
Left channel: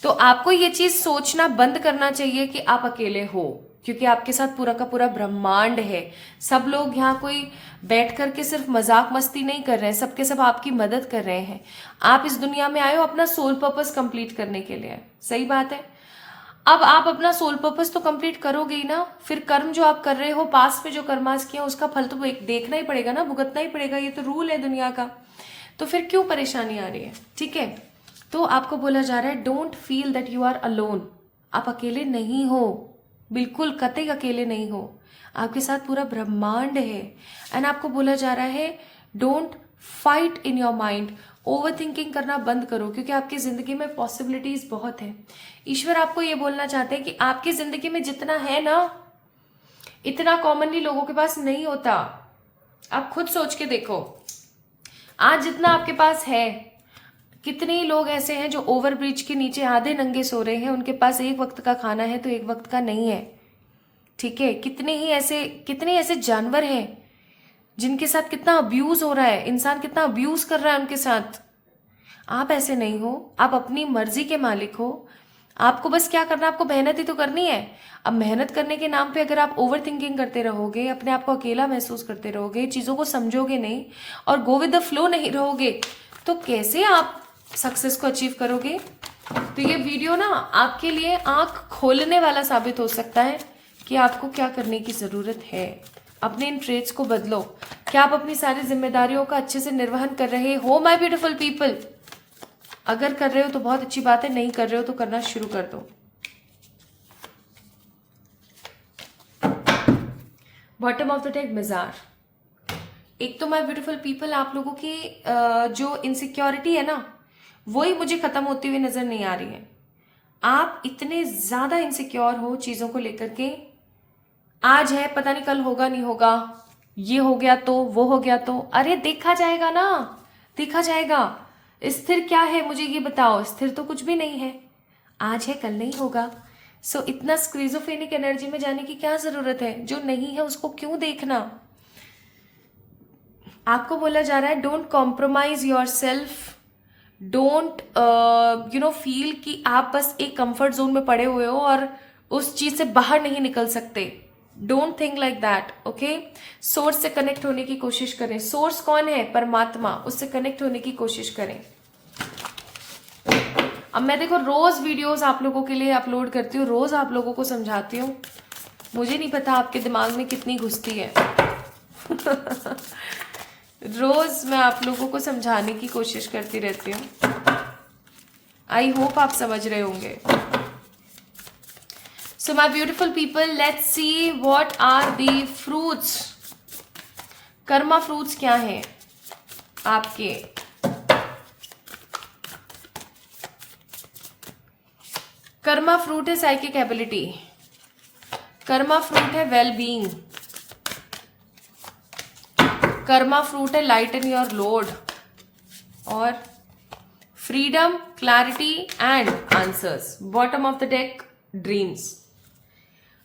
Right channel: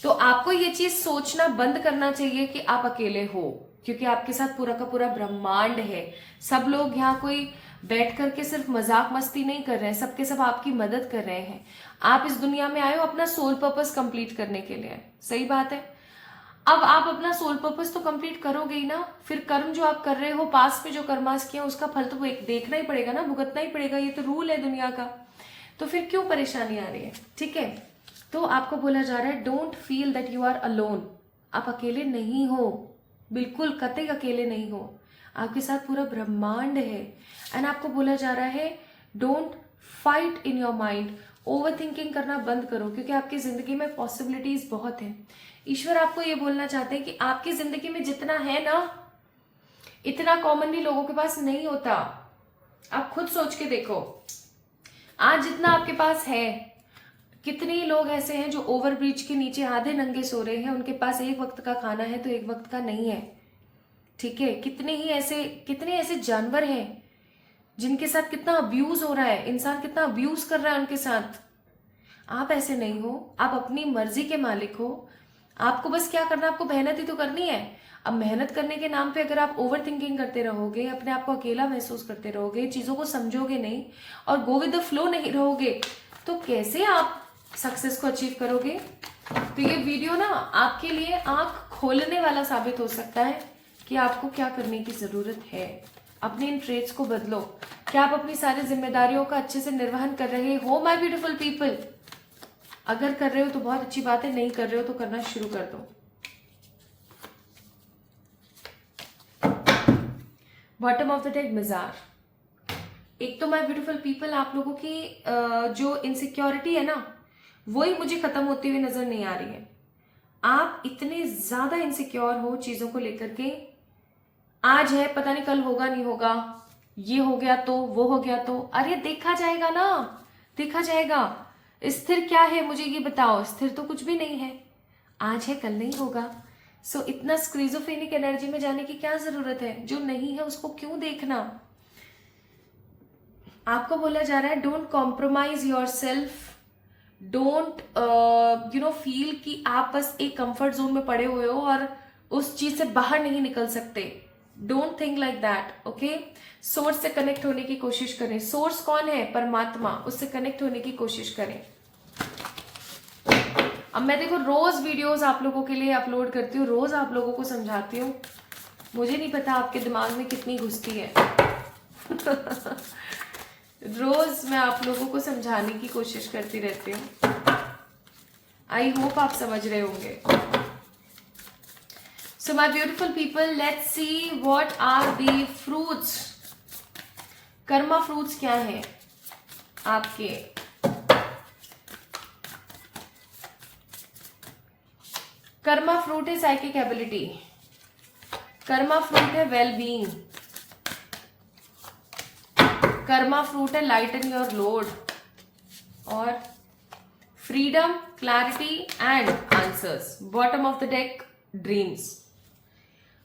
तो आपको ये चीज सोचना बंद करना चाहिए कि आप अकेले हो, क्योंकि आपके साथ पूरा का पूरा ब्रह्मांड है। सब लोग यहाँ कोई बैठ करके सिर्फ मजाक मस्ती नहीं कर रहे हैं, सबके सब आपकी मदद कर रहे हैं। आप इस दुनिया में आए हो अपना सोल पर्पस कंप्लीट करने के लिए, सही बात है। अब आप अपना सोल पर्पस तो कंप्लीट करोगे ही ना, फिर कर्म जो आप कर रहे हो पास में जो कर्मास किया उसका फल तो देखना ही पड़ेगा ना, भुगतना ही पड़ेगा, ये तो रूल है दुनिया का। तो फिर क्यों परेशानी आ रही है? ठीक है, तो आपको बोला जा रहा है don't feel that you are alone. आप अकेले नहीं हो, बिल्कुल कतई अकेले नहीं हो, आपके साथ पूरा ब्रह्मांड है। एंड आपको बोला जा रहा है don't fight in your mind, over thinking करना बंद करो, क्योंकि आपकी जिंदगी में पॉसिबिलिटीज बहुत है। ईश्वर आपको ये बोलना चाहते हैं कि आपकी जिंदगी में जितना है ना, इतना कॉमनली लोगों के पास नहीं होता। आप खुद सोच के देखो, आज जितना आपके पास है, कितने लोग ऐसे हैं जो ओवर ब्रिज के नीचे आधे नंगे सो रहे हैं, उनके पास एक वक्त का खाना है तो एक वक्त का नहीं है। ठीक है, कितने ऐसे जानवर हैं जिनके साथ कितना अब्यूज हो रहा है, इंसान कितना अब्यूज कर रहा है उनके साथ। आप ऐसे नहीं हो, आप अपनी मर्जी के मालिक हो। आपको बस क्या करना, आपको मेहनत ही तो करनी है। अब मेहनत करने के नाम पे अगर आप ओवर थिंकिंग करते रहोगे, अपने आप को अकेला महसूस करते रहोगे, चीजों को समझोगे नहीं और गो विद द फ्लो नहीं रहोगे, तो कैसे आप सक्सेस को अचीव करोगे? तो ये वीडियो ना आपके लिए आंख खोलने वाला साबित हो सकता है कि आपको क्या करने की जरूरत है। अपने इन ट्रेड्स को बदलो। क्या आप अपनी सारी जिम्मेदारियों का अच्छे से निर्वहन कर रहे हो माय ब्यूटीफुल पीपल? अगर कर रहे हो तो बहुत अच्छी बात है, नहीं कर रहे हो तो करना शुरू कर दो। बॉटम ऑफ द डेक मिजार। एक तो माय ब्यूटीफुल पीपल आप लोगों की जो इनसिक्योरिटी है ना, वही मुझे खत्म होती हुई नजर नहीं आ रही है। आप इतने ज्यादा इनसिक्योर हो चीजों को लेकर के, आज है पता नहीं कल होगा नहीं होगा, ये हो गया तो वो हो गया तो, अरे देखा जाएगा ना, देखा जाएगा। स्थिर क्या है मुझे ये बताओ? स्थिर तो कुछ भी नहीं है, आज है कल नहीं होगा। सो इतना स्क्रीजोफ्रेनिक एनर्जी में जाने की क्या जरूरत है? जो नहीं है उसको क्यों देखना? आपको बोला जा रहा है don't compromise your self, don't feel कि आप बस एक कंफर्ट जोन में पड़े हुए हो और उस चीज से बाहर नहीं निकल सकते। Don't think like that, okay. Source से कनेक्ट होने की कोशिश करें। सोर्स कौन है? परमात्मा, उससे कनेक्ट होने की कोशिश करें। अब मैं देखो रोज वीडियोस आप लोगों के लिए अपलोड करती हूँ, रोज आप लोगों को समझाती हूँ, मुझे नहीं पता आपके दिमाग में कितनी घुसती है रोज मैं आप लोगों को समझाने की कोशिश करती रहती हूँ। आई होप आप समझ रहे होंगे। So my beautiful people, let's see what are the fruits. Karma fruits क्या है आपके? कर्मा फ्रूट है साइकिक एबिलिटी, कर्मा फ्रूट है वेल बीइंग, कर्मा फ्रूट है लाइटन योर लोड, और freedom, clarity and answers. Bottom of the deck dreams.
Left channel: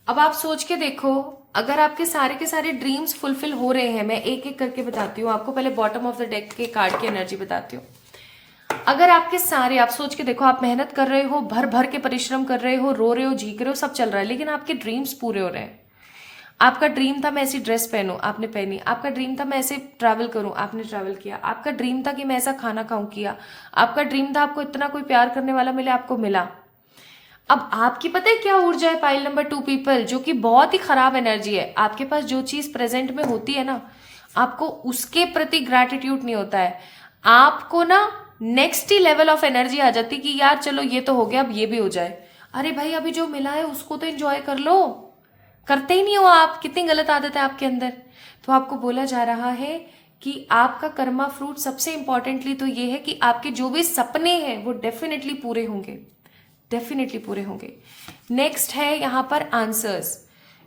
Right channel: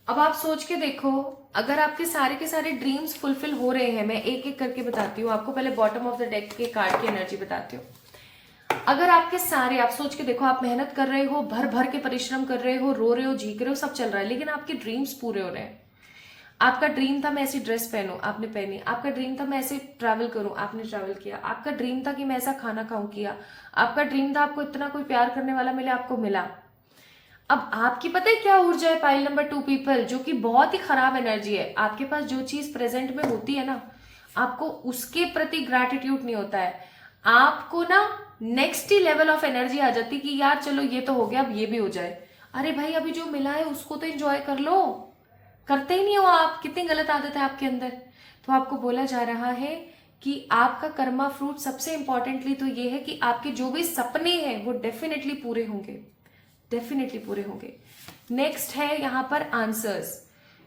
अब आप सोच के देखो, अगर आपके सारे के सारे ड्रीम्स फुलफिल हो रहे हैं, मैं एक एक करके बताती हूँ आपको, पहले बॉटम ऑफ द डेक के कार्ड की एनर्जी बताती हूँ। अगर आपके सारे, आप सोच के देखो, आप मेहनत कर रहे हो, भर भर के परिश्रम कर रहे हो, रो रहे हो, झीक रहे हो, सब चल रहा है, लेकिन आपके ड्रीम्स पूरे हो रहे हैं। आपका ड्रीम था मैं ऐसी ड्रेस पहनूं, आपने पहनी। आपका ड्रीम था मैं ऐसे ट्रैवल करूं, आपने ट्रैवल किया। आपका ड्रीम था कि मैं ऐसा खाना खाऊं, किया। आपका ड्रीम था आपको इतना कोई प्यार करने वाला मिले, आपको मिला। अब आपकी पता है क्या ऊर्जा है? पाइल नंबर 2 पीपल, जो कि बहुत ही खराब एनर्जी है। आपके पास जो चीज प्रेजेंट में होती है ना, आपको उसके प्रति ग्रैटिट्यूड नहीं होता है। आपको ना नेक्स्ट ही लेवल ऑफ एनर्जी आ जाती कि यार चलो ये तो हो गया, अब ये भी हो जाए। अरे भाई अभी जो मिला है उसको तो एंजॉय कर लो, करते ही नहीं हो आप। कितनी गलत आदत है आपके अंदर। तो आपको बोला जा रहा है कि आपका कर्मा फ्रूट सबसे इंपॉर्टेंटली तो ये है कि आपके जो भी सपने हैं वो डेफिनेटली पूरे होंगे, डेफिनेटली पूरे होंगे। नेक्स्ट है यहाँ पर आंसर्स।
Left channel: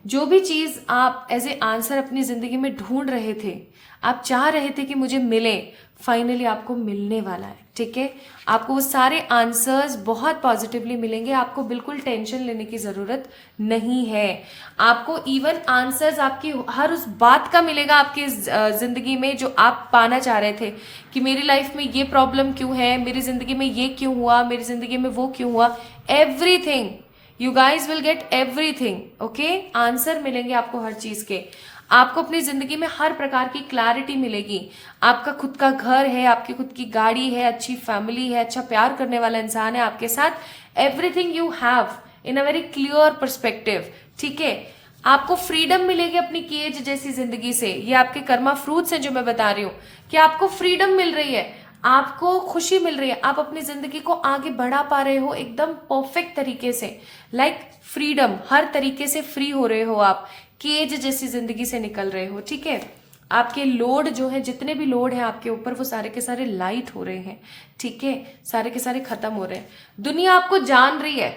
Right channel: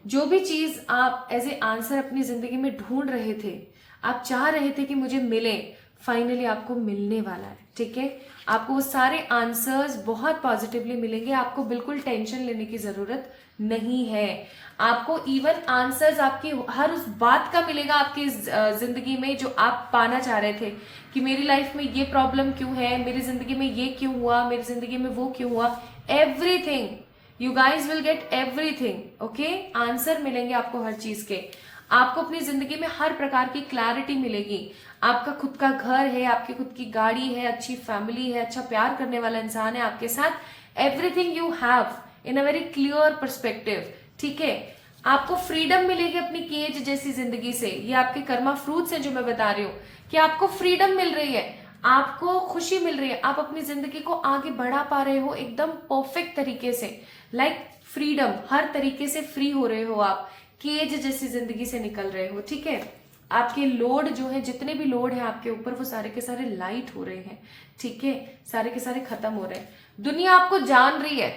जो भी चीज आप एज ए आंसर अपनी जिंदगी में ढूंढ रहे थे, आप चाह रहे थे कि मुझे मिले, फाइनली आपको मिलने वाला है। ठीक है, आपको वो सारे आंसर्स बहुत पॉजिटिवली मिलेंगे, आपको बिल्कुल टेंशन लेने की जरूरत नहीं है। आपको इवन आंसर्स आपकी हर उस बात का मिलेगा आपकी जिंदगी में जो आप पाना चाह रहे थे, कि मेरी लाइफ में ये प्रॉब्लम क्यों है, मेरी जिंदगी में ये क्यों हुआ, मेरी जिंदगी में वो क्यों हुआ, everything you guys will get everything. Okay, answer मिलेंगे आपको हर चीज के। आपको अपनी जिंदगी में हर प्रकार की क्लैरिटी मिलेगी। आपका खुद का घर है, आपकी खुद की गाड़ी है, अच्छी फैमिली है, अच्छा प्यार करने वाला इंसान है आपके साथ, everything you have in a very clear perspective. ठीक है, आपको फ्रीडम मिलेगी अपनी केज जैसी जिंदगी से। ये आपके कर्मा फ्रूट्स हैं जो मैं बता रही हूँ कि आपको फ्रीडम मिल रही है, आपको खुशी मिल रही है, आप अपनी जिंदगी को आगे बढ़ा पा रहे हो एकदम परफेक्ट तरीके से। लाइक फ्रीडम, हर तरीके से फ्री हो रहे हो आप, केज जैसी जिंदगी से निकल रहे हो। ठीक है, आपके लोड जो है, जितने भी लोड है आपके ऊपर, वो सारे के सारे लाइट हो रहे हैं। ठीक है, सारे के सारे खत्म हो रहे हैं। दुनिया आपको जान रही है,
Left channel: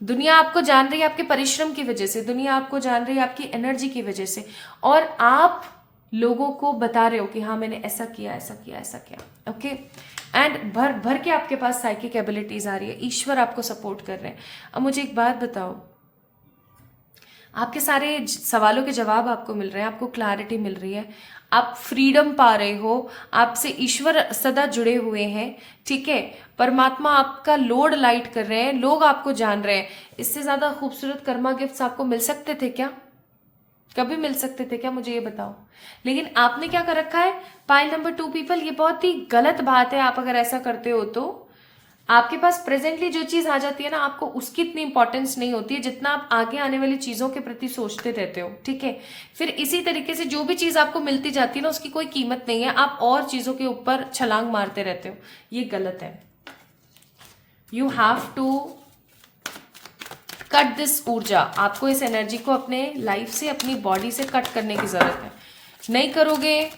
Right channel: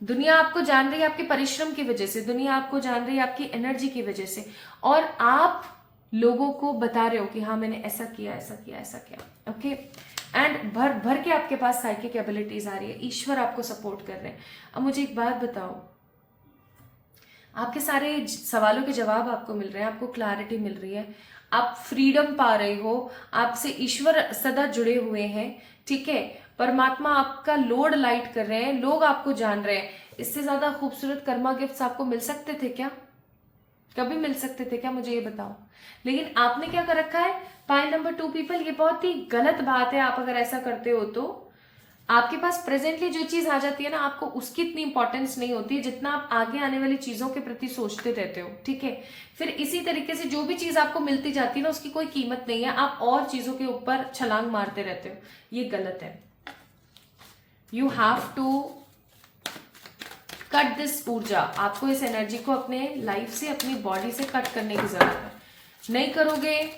दुनिया आपको जान रही है आपके परिश्रम की वजह से, दुनिया आपको जान रही है आपकी एनर्जी की वजह से, और आप लोगों को बता रहे हो कि हाँ मैंने ऐसा किया, ऐसा किया, ऐसा किया। ओके, एंड भर भर के आपके पास साइकिक एबिलिटीज आ रही है, ईश्वर आपको सपोर्ट कर रहे हैं। अब मुझे एक बात बताओ, आपके सारे सवालों के जवाब आपको मिल रहे हैं, आपको क्लैरिटी मिल रही है, आप फ्रीडम पा रहे हो, आपसे ईश्वर सदा जुड़े हुए हैं। ठीक है, परमात्मा आपका लोड लाइट कर रहे हैं, लोग आपको जान रहे हैं। इससे ज्यादा खूबसूरत कर्मा गिफ्ट्स आपको मिल सकते थे क्या? कभी मिल सकते थे क्या? मुझे ये बताओ। लेकिन आपने क्या कर रखा है, पाइल नंबर 2 पीपल, ये बहुत ही गलत बात है। आप अगर ऐसा करते हो तो आपके पास प्रेजेंटली जो चीज आ जाती है ना, आपको उसकी इतनी इंपॉर्टेंस नहीं होती है जितना आप आगे आने वाली चीजों के प्रति सोचते रहते हो। ठीक है, फिर इसी तरीके से जो भी चीज आपको मिलती जाती है ना, उसकी कोई कीमत नहीं है, आप और चीजों के ऊपर छलांग मारते रहते हो। ये गलत है। You have to cut this urja, आपको इस एनर्जी को अपने लाइफ से, अपनी बॉडी से कट करने की जरूरत है। नहीं करोगे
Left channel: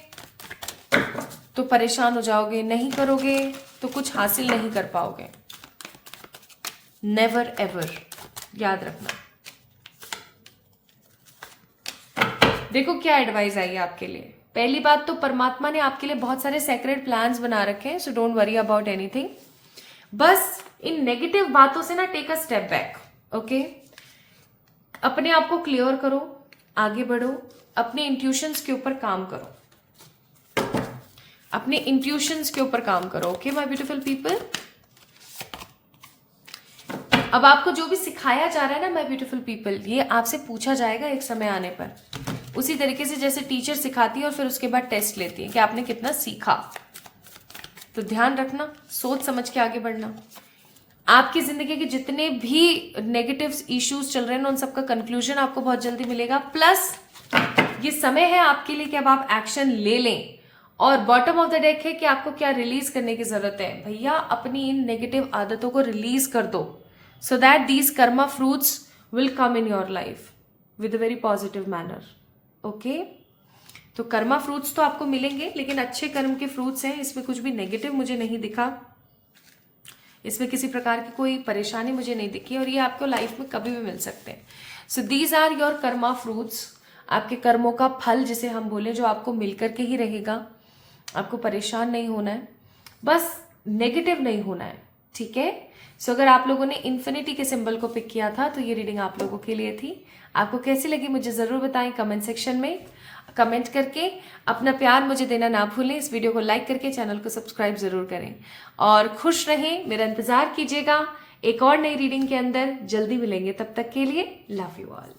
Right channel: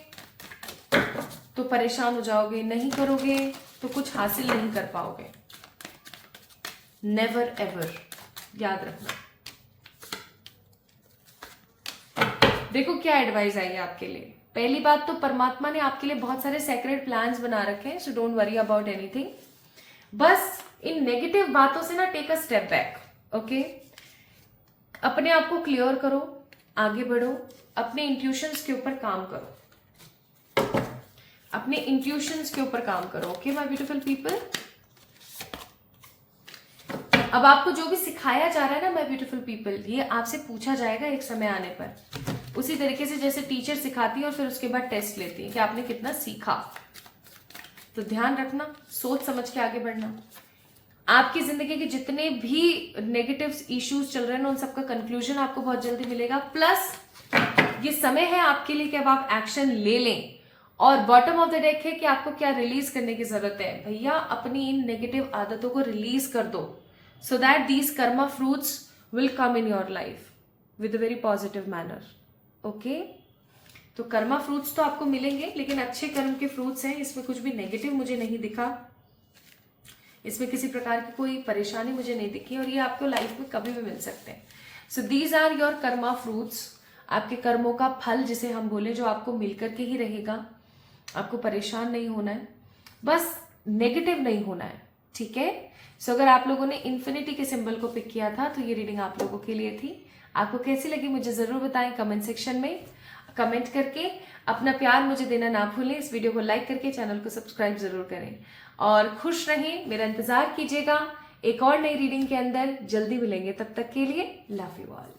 तो परेशान हो जाओगे, नहीं करोगे तो कुछ हासिल नहीं कर पाओगे। नेवर एवर, याद रखना। देखो क्या एडवाइस आई है आपके लिए। पहली बात तो परमात्मा ने आपके लिए बहुत सारे सेक्रेट प्लान्स बना रखे हैं, so don't worry about anything. बस इन नेगेटिव बातों से ना take a step back. Okay, अपने आप को क्लियर करो, आगे बढ़ो, अपने इंट्यूशंस के ऊपर काम करो, अपने इंट्यूशंस के ऊपर काम करो। ओके माय ब्यूटीफुल पीपल, अब आपको जो भी सिखाया जा रहा है ना माय ब्यूटीफुल पीपल, ये आपसे पूछा जाएगा एक समय आने पर, उसी तरीके से जैसे टीचर सिखाती है और फिर उसके बाद टेस्ट लेती है कि आपने कितना सीखा। तो ध्यान रखना, सोच समझ के आगे बढ़ना। आपकी जिंदगी के जितने भी नेगेटिव इश्यूज चल रहे हैं ना, उन सबका कंक्लूजन आपको बहुत जल्दी मिलेगा। प्लस ये समय है आपके लिए कि अब आप एक्शन ले लें। और बॉटम ऑफ द डेक है कि आपको क्या रिलीज करने की जरूरत है। भैया अपनी इन नेगेटिव आदतों को रिलीज कर दो, so that these Karma fruits will come in your life with a very positive manner. Okay, तो कर्मा फ्रूट्स तो आपको मिलेंगे, लेकिन अच्छे कर्म के फ्रूट्स हैं, इसमें कुछ भी नेगेटिव मुझे नहीं दिखा, इसमें किसी प्रकार की कोई परेशानी मुझे नहीं दिखी, और ये आपको लाइफ में कभी भी मिल सकते हैं। So these are your karma fruits, आपके कर्मों का फल जिसे हम बोले, जो आपको मिलकर के ही रहेगा। आपको परेशान नहीं होना है, बस नेगेटिव नहीं होना है। ठीक है, सो अगर आप लोगों ने इन्फिनिटी के सिंबल को पिक किया था तो ये रीडिंग आप लोगों के लिए थी। आपको कैसी लगी मुझे जरूर बताएं कमेंट सेक्शन में, कमेंट करके अपना प्यार मुझे देना ना भूलें। इस वीडियो को लाइक करके चैनल को सब्सक्राइब जरूर करें, और खुश रहें, मेरा इंतजार कीजिएगा एक और नई रीडिंग के अंदर। जल्दी मिलेंगे, तब तक के लिए लव यू ऑल।